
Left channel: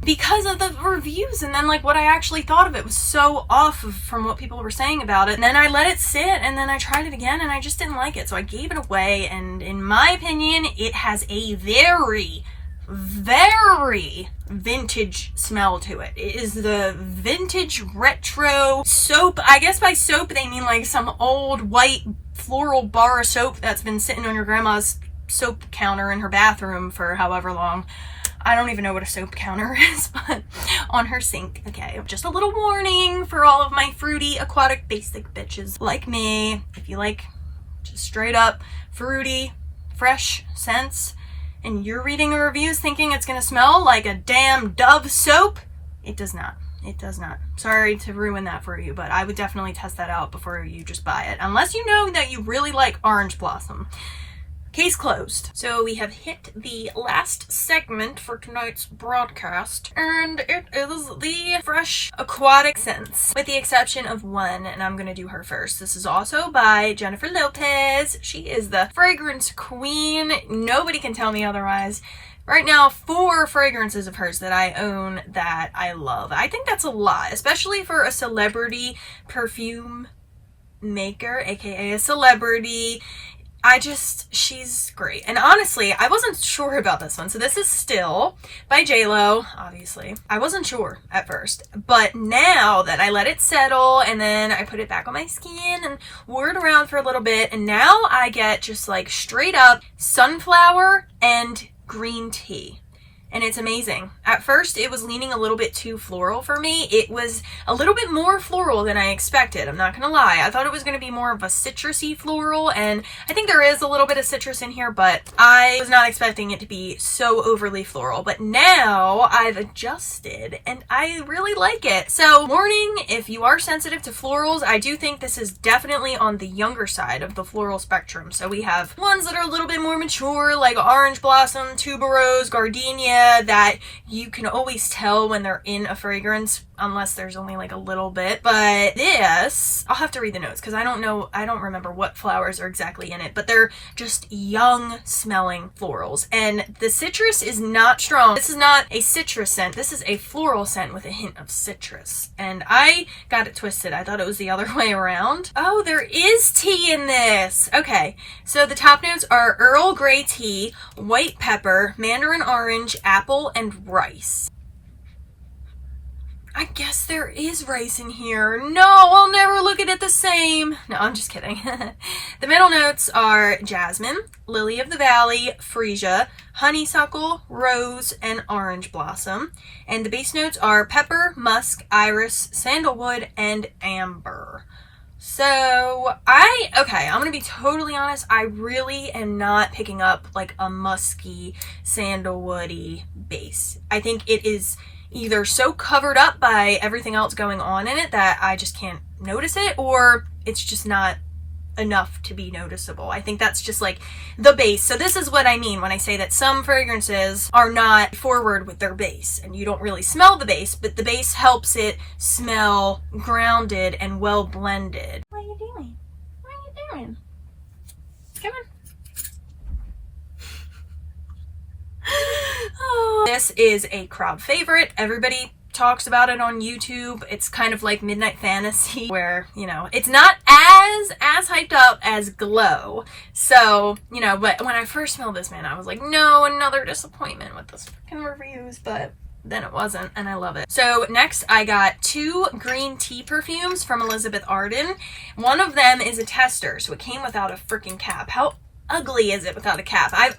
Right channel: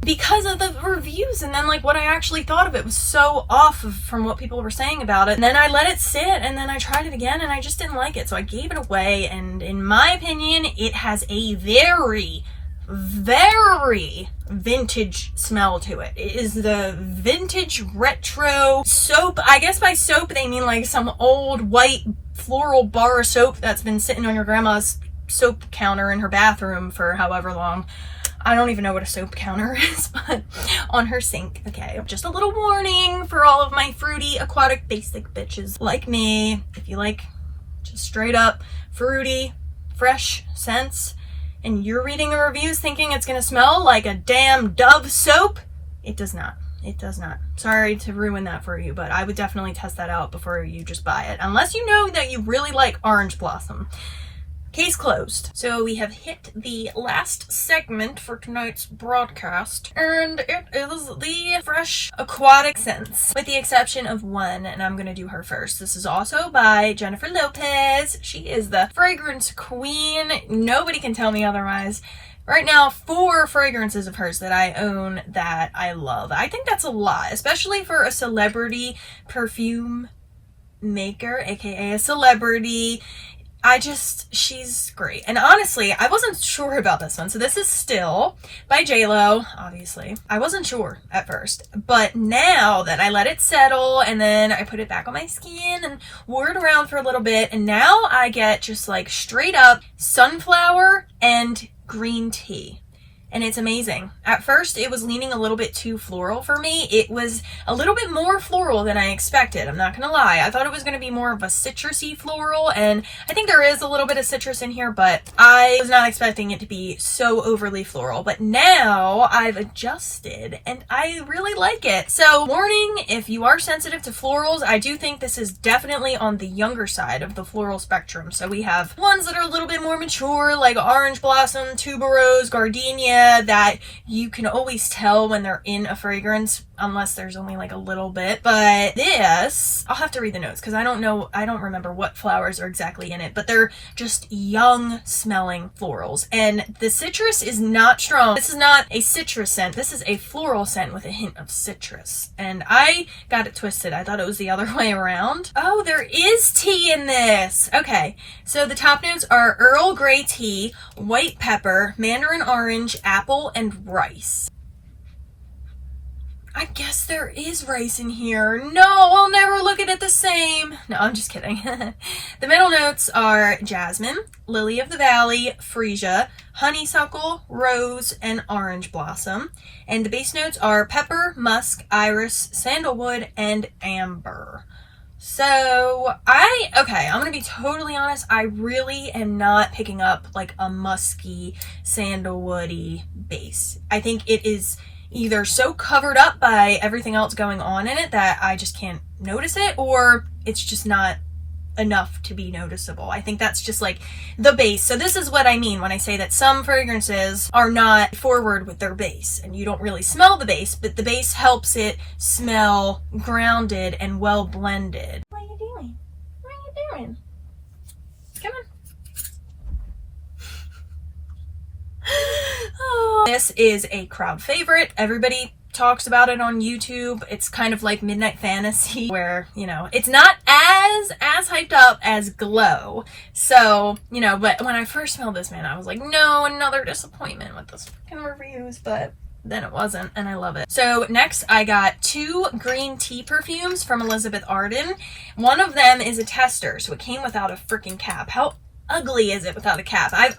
because of the reviews. And then like what I actually thought of it was so off from what people were saying about it. And then I let it sit and then I tried it again and I just didn't like it. So I gave it away, and in my opinion, it has a very very vintage smell to it. It is the vintage retro soap. I guess by soap they mean like some old white floral bar of soap that's been sitting on your grandma's soap counter in her bathroom for however long. I don't even know what a soap counter is, but on her sink. Okay, just a little warning for all of my fruity, aquatic, basic bitches like me. If you like just straight up fruity, fresh scents, and you're reading the reviews thinking it's gonna smell like a damn Dove soap, it does not. It does not. Sorry to ruin that for you, but I would definitely test that out before you just buy it. Unless you know that you really like orange blossom. Case closed. So we have hit the last segment for tonight's broadcast, and it is the fresh aquatic scents, with the exception of one, and I'm gonna do her first. This is also by Jennifer Lopez. She is the fragrance queen. Nobody can tell me otherwise. Right now, 4 fragrances of hers that I own that I love. I think that's a lot, especially for a celebrity perfume maker, aka a celebrity. She's great. And honestly, I wasn't sure about this one. So this is Still by J-Lo, obviously. I wasn't sure at first, but now that I let it settle and then I put it back on my skin and wore it around for a little bit, and now I get just like straight up sunflower and green tea. And it's amazing. At first, it was leaning a little bit too floral for me. It was a little bit more floral than I expected. I'm not gonna lie. I thought it was gonna be more of a citrusy floral, and I think there is a little bit of citrus in here, but I was not expecting it to be so overly floral. But now I've adjusted, and I really like it. So, warning, if you are sensitive to florals, I do think this is definitely on the younger side of the floral spectrum. So we have ones that are a little bit more mature, like orange blossom, tuberose, gardenia, that you can always tell when they're in a fragrance, unless there's only like a little bit. But this, I'll have to read the notes because I don't remember what flowers are exactly in it, but they're just young smelling florals, and the citrus is not strong. This is not a citrus scent. This is a floral scent with a hint of citrus, and I got it twisted. I thought it was the other way around. Oh, there is tea in this. Okay, so the top notes are Earl Grey tea, white pepper, mandarin orange, apple, and rice. I guess there is rice in here. No, I'll never look at it the same. No, I'm just kidding. The middle notes are jasmine, lily of the valley, freesia, honeysuckle, rose, and orange blossom. And the base notes are pepper, musk, iris, sandalwood, and amber. So I'm gonna be totally honest. I really am not picking up like a musky, sandalwoody base. I think it is either so covered up by everything else going on in it that I just can't notice it, or it's just not enough to be noticeable. I think that's just like the base. So this is what I mean when I say that some fragrances are not forward with their base and you don't really smell the base, but the base helps it smell grounded and well blended. What are you doing? What are you doing? Come on. Oh, this is a crowd favorite. Everybody talks about it on YouTube. It's kind of like Midnight Fantasy, where, you know, it's not as hyped up as Glow. So, you know, but when I first smelled this, man, I was like, no, another disappointment with this fucking reviews, but then it wasn't, and I love it. So next I got 2 green tea perfumes from Elizabeth Arden. One of them is a tester, so it came without a freaking cap. How ugly is it without a cap? I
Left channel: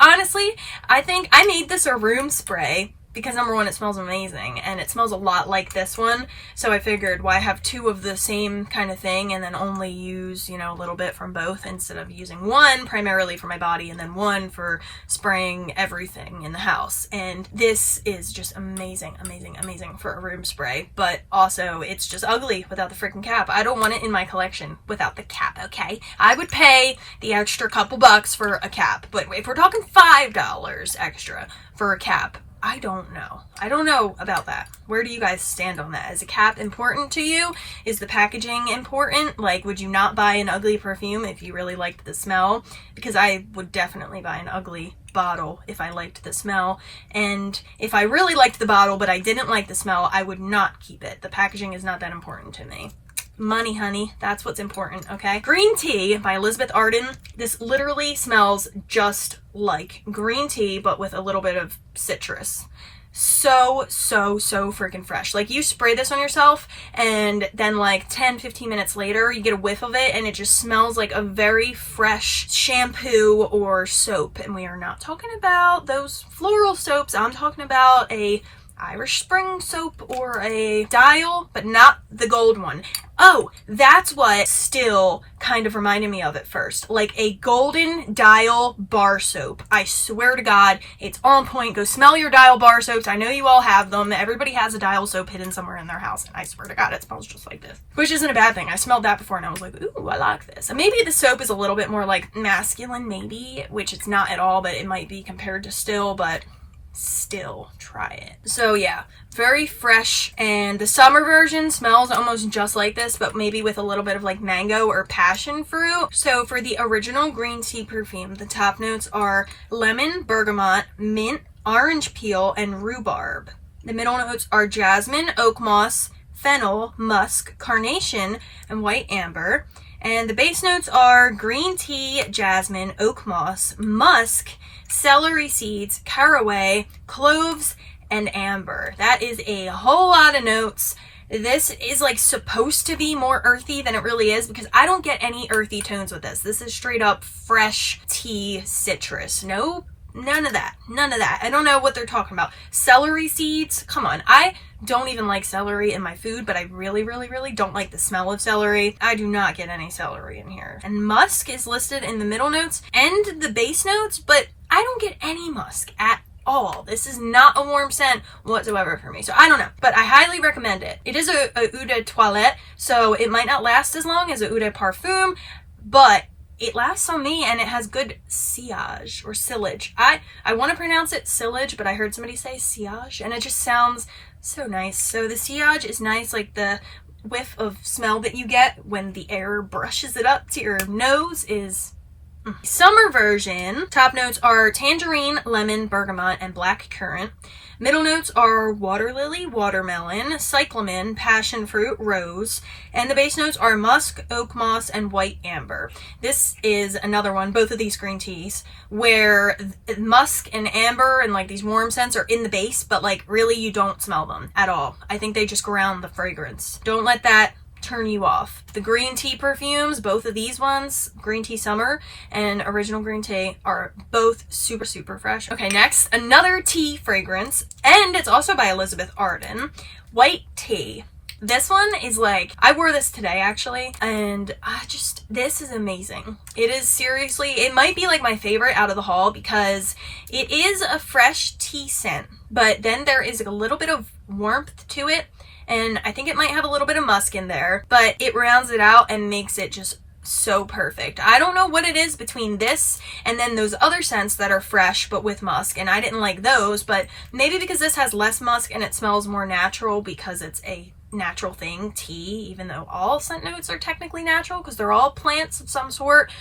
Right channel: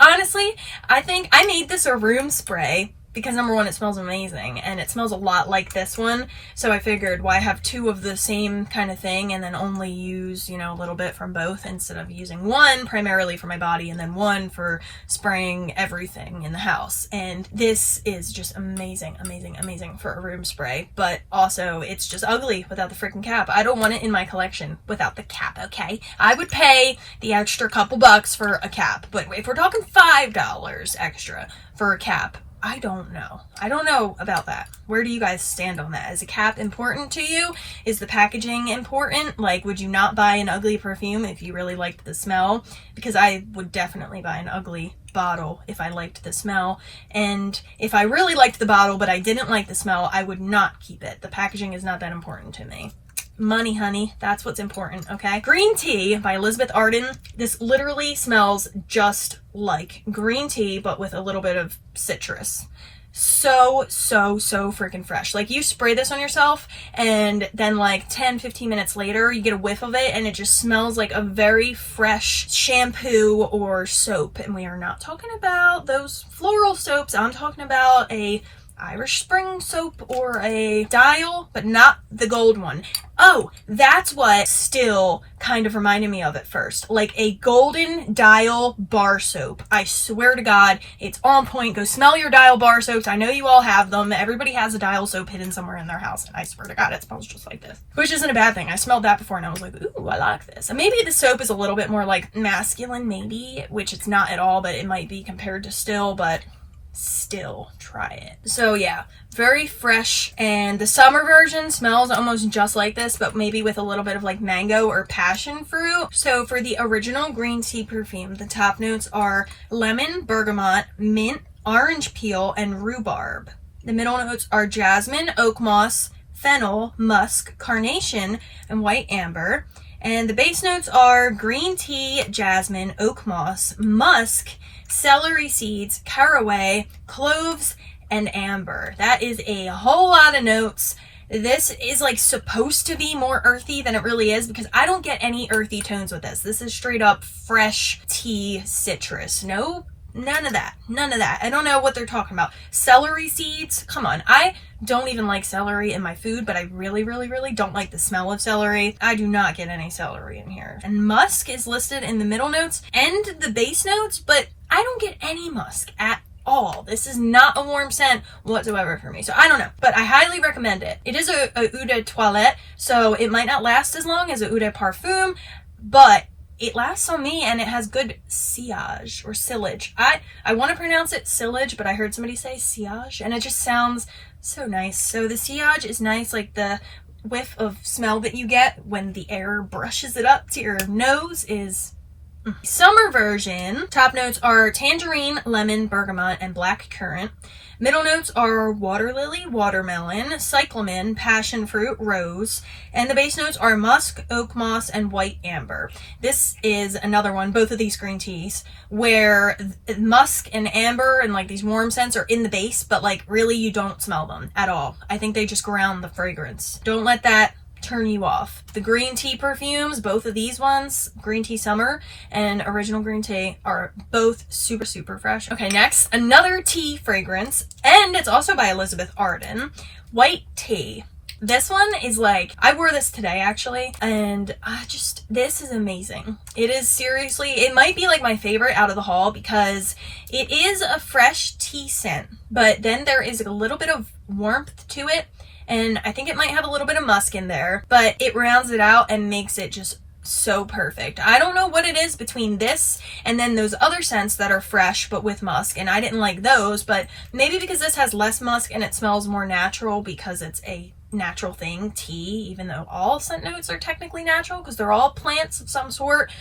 think I made this a room spray because number one, it smells amazing and it smells a lot like this one. So I figured, why have 2 of the same kind of thing and then only use, you know, a little bit from both instead of using one primarily for my body and then one for spraying everything in the house. And this is just amazing, amazing, amazing for a room spray, but also it's just ugly without the freaking cap. I don't want it in my collection without the cap, okay? I would pay the extra couple bucks for a cap, but if we're talking $5 extra for a cap, I don't know. I don't know about that. Where do you guys stand on that? Is a cap important to you? Is the packaging important? Like, would you not buy an ugly perfume if you really liked the smell? Because I would definitely buy an ugly bottle if I liked the smell. And if I really liked the bottle but I didn't like the smell, I would not keep it. The packaging is not that important to me. money, honey. That's what's important, okay? Green Tea by Elizabeth Arden. This literally smells just like green tea, but with a little bit of citrus. So freaking fresh. Like, you spray this on yourself and then like 10-15 minutes later you get a whiff of it and it just smells like a very fresh shampoo or soap. And we are not talking about those floral soaps. I'm talking about a Irish Spring soap or a Dial, but not the gold one. Oh, that's what still kind of reminded me of at first. Like a golden Dial bar soap. I swear to God, it's on point. Go smell your Dial bar soaps. I know you all have them. Everybody has a Dial soap hidden somewhere in their house, and I swear to God, it smells just like this. Which isn't a bad thing. I smelled that before and I was like, ooh, I like this. And maybe the soap is a little bit more like masculine, maybe, which it's not at all, but it might be compared to Still, but still try it. So yeah, very fresh, and the summer version smells almost just like this, but maybe with a little bit of like mango or passion fruit. So for the original green tea perfume, the top notes are lemon, bergamot, mint, orange peel, and rhubarb. The middle notes are jasmine, oak moss, fennel, musk, carnation, and white amber. And the base notes are green tea, jasmine, oak moss, musk, celery seeds, caraway, cloves, and amber. That is a whole lot of notes. This is like supposed to be more earthy than it really is, because I don't get any earthy tones with this. This is straight up fresh tea citrus. No, none of that. None of that. I don't know what they're talking about. Celery seeds? Come on. I don't even like celery in my food, but I really don't like the smell of celery. I do not get any celery in here. And musk is listed in the middle notes and the base notes, but I don't get any musk at all. This is not a warm scent whatsoever for me. So I don't know, but I highly recommend it. It is a eau de toilette, so it might not last as long as a eau de parfum, but it lasts on me and it has good sillage or sillage. I want to pronounce it sillage, but I heard somebody say sillage and it just sounds so nice. So the sillage is nice, like the whiff of smell that you get when the air brushes it up to your nose is Summer version. Top notes are tangerine, lemon, bergamot, and black currant. Middle notes are water lily, watermelon, cyclamen, passion fruit, rose. And the base notes are musk, oak moss, and white amber. This is another one, both of these green teas, where musk and amber and like these warm scents are in the base, but like really you don't smell them at all. I think they just ground the fragrance. Don't let that turn you off. The green tea perfumes, both of these ones, green tea summer and original green tea, are both super fresh. Okay, next, another tea fragrance, and it's also by Elizabeth Arden, white tea. This one is like, I wore this today actually, and this is amazing. It is seriously, it might be like my favorite out of the haul because it is a fresh tea scent, but then there is a little bit of warmth to it. And I think it might have a little bit of musk in there, but it rounds it out and makes it just so perfect. I don't know what it is between this and then those other scents that are fresh but with musk, and I didn't like those, but maybe because this has less musk and it smells more natural because it's a natural thing, tea, even though all scent notes are technically natural because they're all plants of some sort,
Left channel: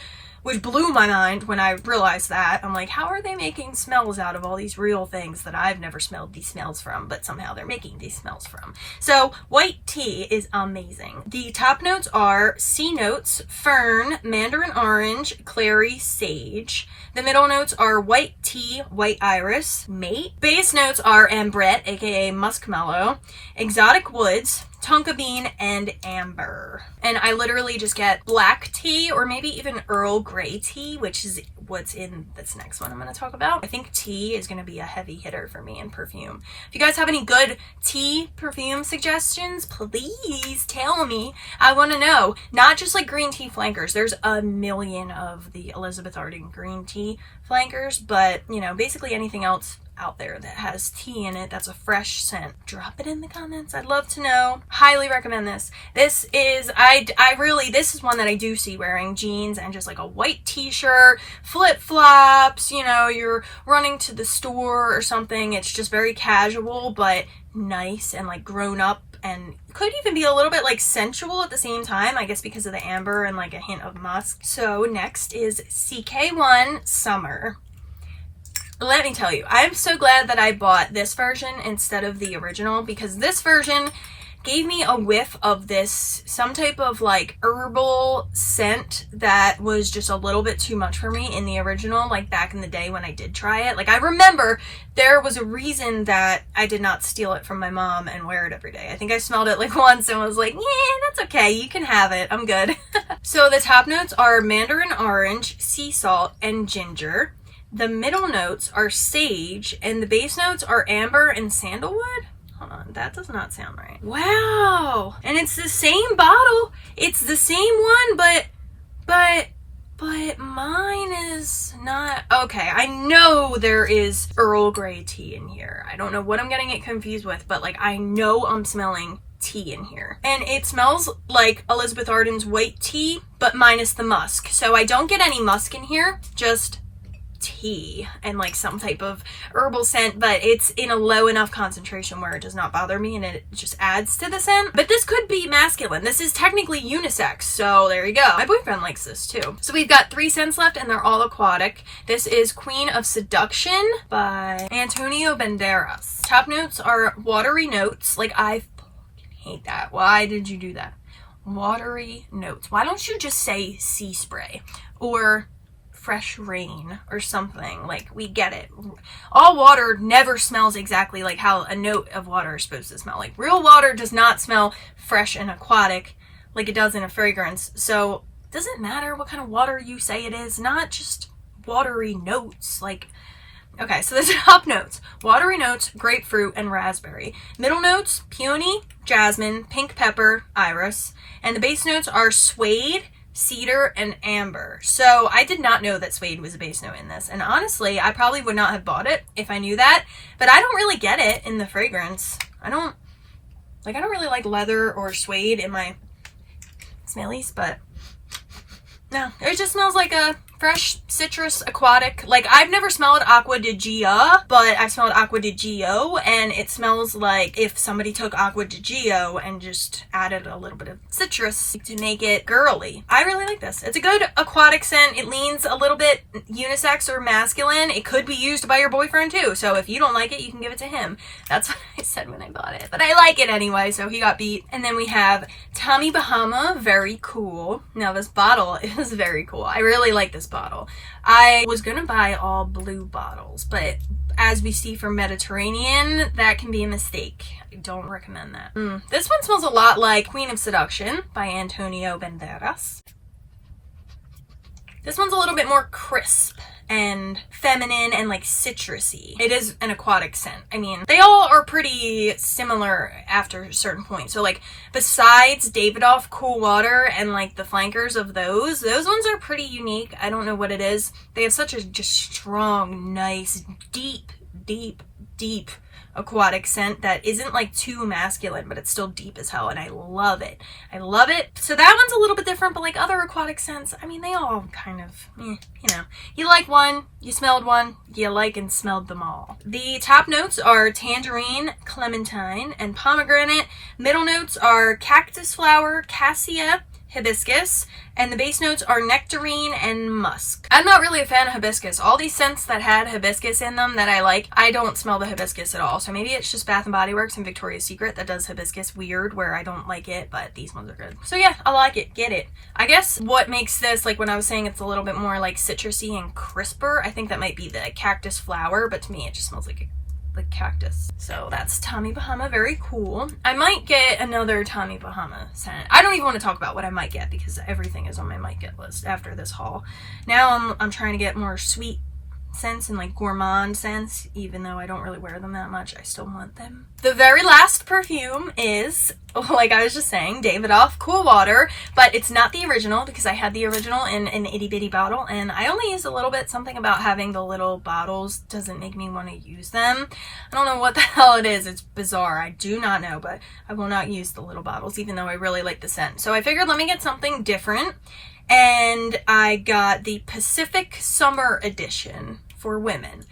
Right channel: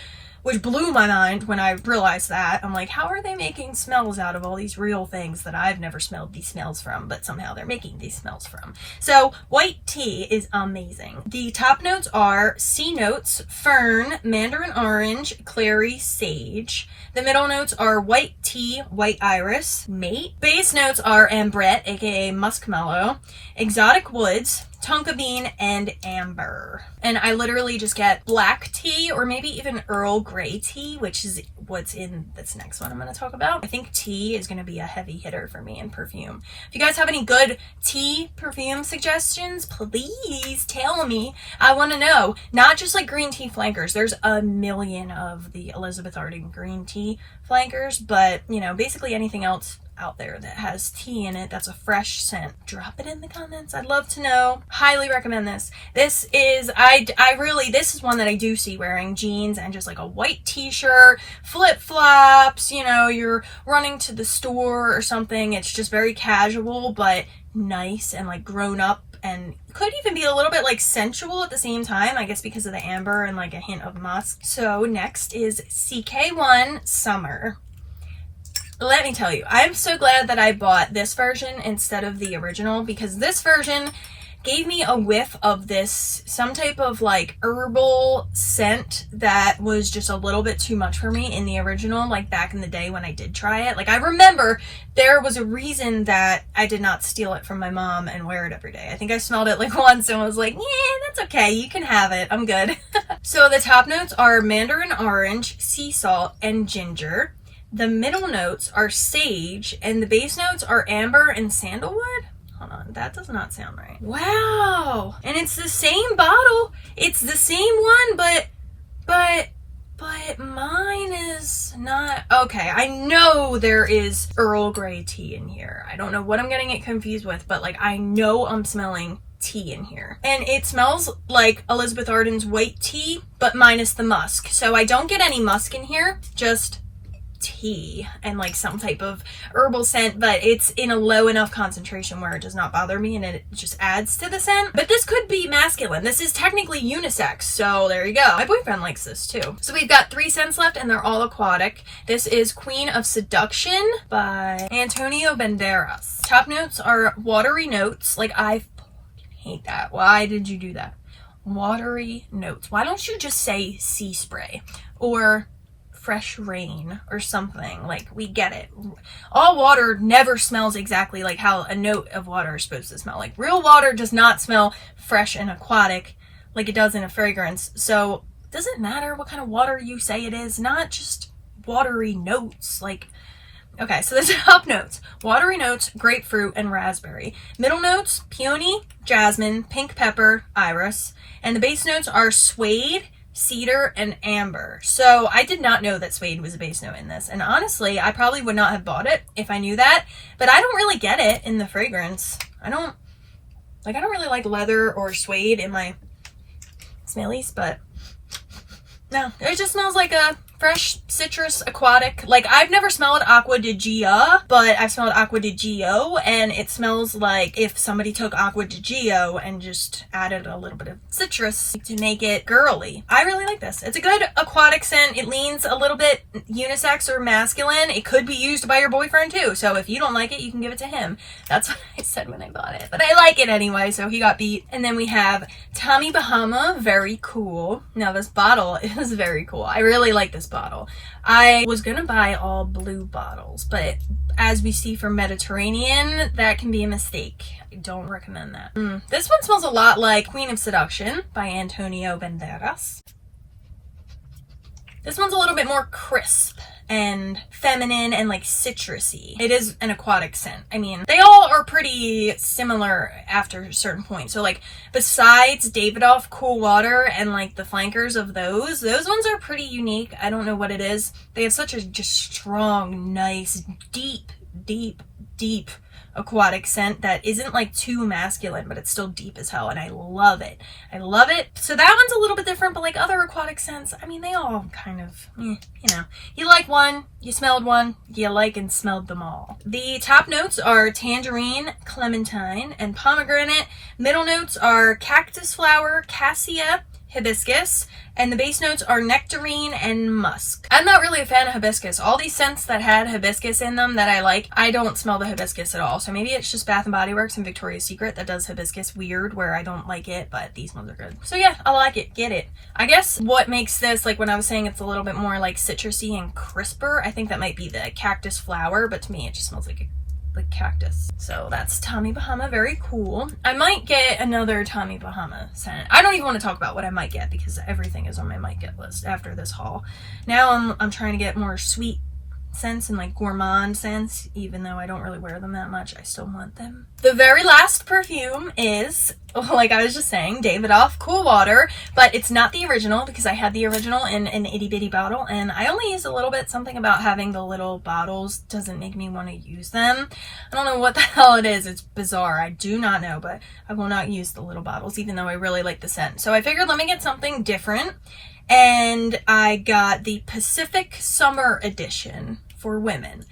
which blew my mind when I realized that. I'm like, how are they making smells out of all these real things that I've never smelled these smells from, but somehow they're making these smells from? So white tea is amazing. The top notes are sea notes, fern, mandarin orange, clary, sage. The middle notes are white tea, white iris, mate. Base notes are ambrette, aka muskmellow, exotic woods, tonka bean, and amber. And I literally just get black tea or maybe even Earl Grey tea, which is what's in this next one I'm going to talk about. I think tea is going to be a heavy hitter for me in perfume. If you guys have any good tea perfume suggestions, please tell me. I want to know. Not just like green tea flankers. There's a million of the Elizabeth Arden green tea flankers, but you know, basically anything else out there that has tea in it that's a fresh scent, drop it in the comments. I'd love to know. Highly recommend this. This is this is one that I do see wearing jeans and just like a white t-shirt, flip-flops, you know, you're running to the store or something. It's just very casual but nice and like grown up, and could even be a little bit like sensual at the same time, I guess because of the amber and like a hint of musk. So next is CK1 Summer. Let me tell you, I'm so glad that I bought this version instead of the original, because this version gave me a whiff of this, some type of like herbal scent that was just a little bit too much for me in the original, like back in the day when I did try it. Like I remember there was a reason that I did not steal it from my mom and wear it every day. I think I smelled it like once and was like, yeah, that's okay, you can have it, I'm good. So the top notes are mandarin orange, sea salt, and ginger. The middle notes are sage, and the base notes are amber and sandalwood. Hold on, that does not sound right. Wow, and it's the same bottle. It's the same one, but mine is not. Okay, I know there is Earl Grey tea in here. I don't know what I'm getting it confused with, but like I know I'm smelling tea in here, and it smells like Elizabeth Arden's white tea, but minus the musk. So I don't get any musk in here, just tea and like some type of herbal scent, but it's in a low enough concentration where it does not bother me and it just adds to the scent. But this could be masculine. This is technically unisex, so there you go. My boyfriend likes this too. So we've got 3 scents left and they're all aquatic. This is Queen of Seduction by Antonio Banderas. Top notes are watery notes. Like I fucking hate that. Why did you do that? Watery notes. Why don't you just say sea spray or fresh rain or something? Like, we get it. All water never smells exactly like how a note of water is supposed to smell. Like, real water does not smell fresh and aquatic like it does in a fragrance. So does it matter what kind of water you say it is? Not just watery notes. Like, okay, so the top notes: watery notes, grapefruit and raspberry. Middle notes: peony, jasmine, pink pepper, iris. And the base notes are suede, cedar, and amber. So I did not know that suede was a base note in this, and honestly I probably would not have bought it if I knew that, but I don't really get it in the fragrance. I don't really like leather or suede in my smellies, but no, it just smells like a fresh citrus aquatic. Like, I've never smelled Aqua di Gio, but I smelled Aqua di Gio, and it smells like if somebody took Aqua di Gio and just added a little bit of citrus to make it girly. I really like this. It's a good aquatic scent. It leans a little bit unisex or masculine. It could be used by your boyfriend too, so if you don't like it, you can give it to him. That's what I said when I bought it, but I like it anyway, so he got beat. And then we have Tommy Bahama, very cool. Now this bottle is very cool. I really like this bottle. I was gonna buy all blue bottles, but as we see from Mediterranean, that can be a mistake. I don't recommend that. This one smells a lot like Queen of Seduction by Antonio Banderas. This one's a little bit more crisp and feminine and like citrusy. It is an aquatic scent. I mean, they all are pretty similar after a certain point. So like, besides Davidoff Cool Water and like the flankers of those ones are pretty unique. I don't know what it is. They have such a just strong, nice, deep aquatic scent that isn't like too masculine, but it's still deep as hell, and I love it. I love it. So that one's a little bit different, but like other aquatic scents, I mean, they all kind of, you know, you like one, you smelled one, you like and smelled them all. The top notes are tangerine, clementine, and pomegranate. Middle notes are cactus flower, cassia, hibiscus, and the base notes are nectarine and musk. I'm not really a fan of hibiscus. All these scents that had hibiscus in them that I like, I don't smell the hibiscus at all. So maybe it's just Bath & Body Works and Victoria's Secret that does hibiscus weird, where I don't like it, but these ones are good. So yeah, I like it. Get it. I guess what makes this, like when I was saying it's a little bit more like citrusy and crisper, I think that might be the cactus flower, but to me it just smells like cactus. So that's Tommy Bahama, very cool. I might get another Tommy Bahama scent. I don't even want to talk about what I might get because everything is on my might get list after this haul. Now I'm trying to get more sweet scents and like gourmand scents, even though I don't really wear them that much. I still want them. The very last perfume is, like I was just saying, Davidoff Cool Water, but it's not the original because I had the original in an itty bitty bottle and I only used a little bit. Something about having the little bottles doesn't make me want to use them. I don't know what the hell it is. It's bizarre. I do not know, but I will not use the little bottles even though I really like the scent. So I figured let me get something different, and I got the Pacific Summer Edition for women.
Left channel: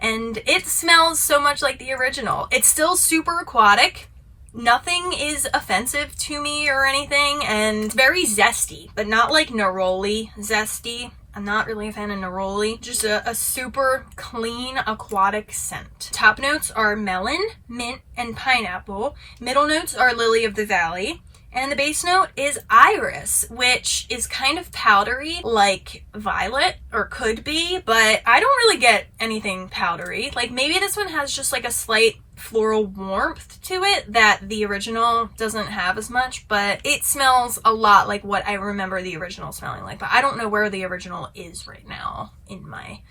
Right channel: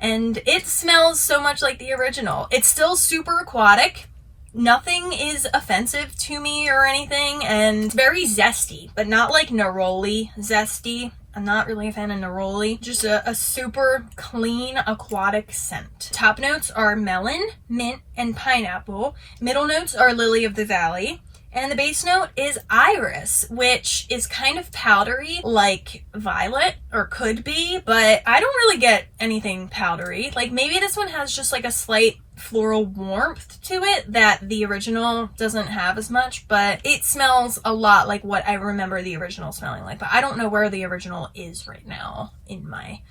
And it smells so much like the original. It's still super aquatic. Nothing is offensive to me or anything, and very zesty, but not like neroli zesty. I'm not really a fan of neroli. Just a super clean aquatic scent. Top notes are melon, mint, and pineapple. Middle notes are lily of the valley. And the base note is iris, which is kind of powdery like violet, or could be, but I don't really get anything powdery. Like maybe this one has just like a slight floral warmth to it that the original doesn't have as much, but it smells a lot like what I remember the original smelling like, but I don't know where the original is right now in my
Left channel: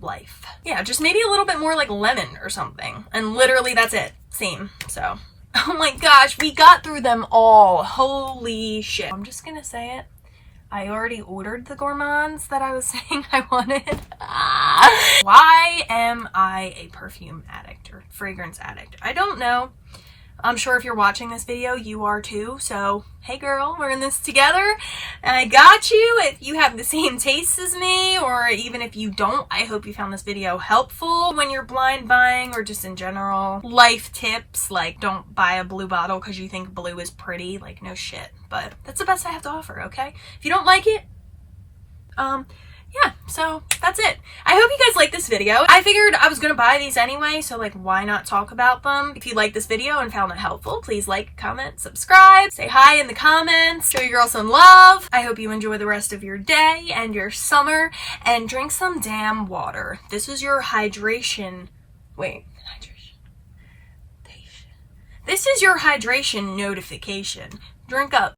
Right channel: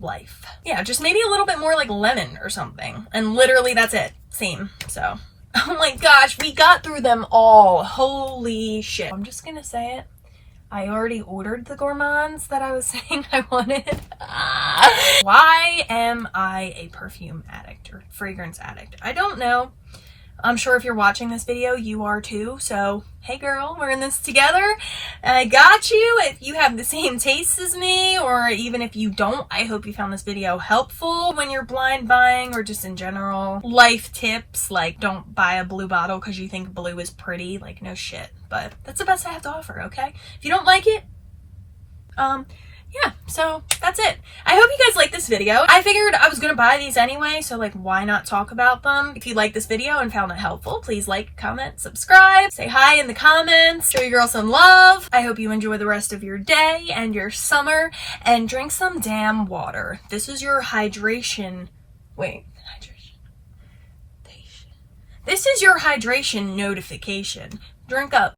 life. Yeah, just maybe a little bit more like lemon or something, and literally that's it. Same. So oh my gosh, we got through them all. Holy shit. I'm just gonna say it. I already ordered the gourmands that I was saying I wanted. Why am I a perfume addict or fragrance addict? I don't know. I'm sure if you're watching this video, you are too. So, hey girl, we're in this together. And I got you. If you have the same tastes as me, or even if you don't, I hope you found this video helpful when you're blind buying, or just in general. Life tips, like don't buy a blue bottle because you think blue is pretty. Like, no shit. But that's the best I have to offer, okay? If you don't like it, yeah, so that's it. I hope you guys like this video. I figured I was gonna buy these anyway, so like why not talk about them? If you liked this video and found it helpful, please like, comment, subscribe, say hi in the comments, show your girl some love. I hope you enjoy the rest of your day and your summer, and drink some damn water. This is your hydration. Wait, hydration. This is your hydration notification. Drink up.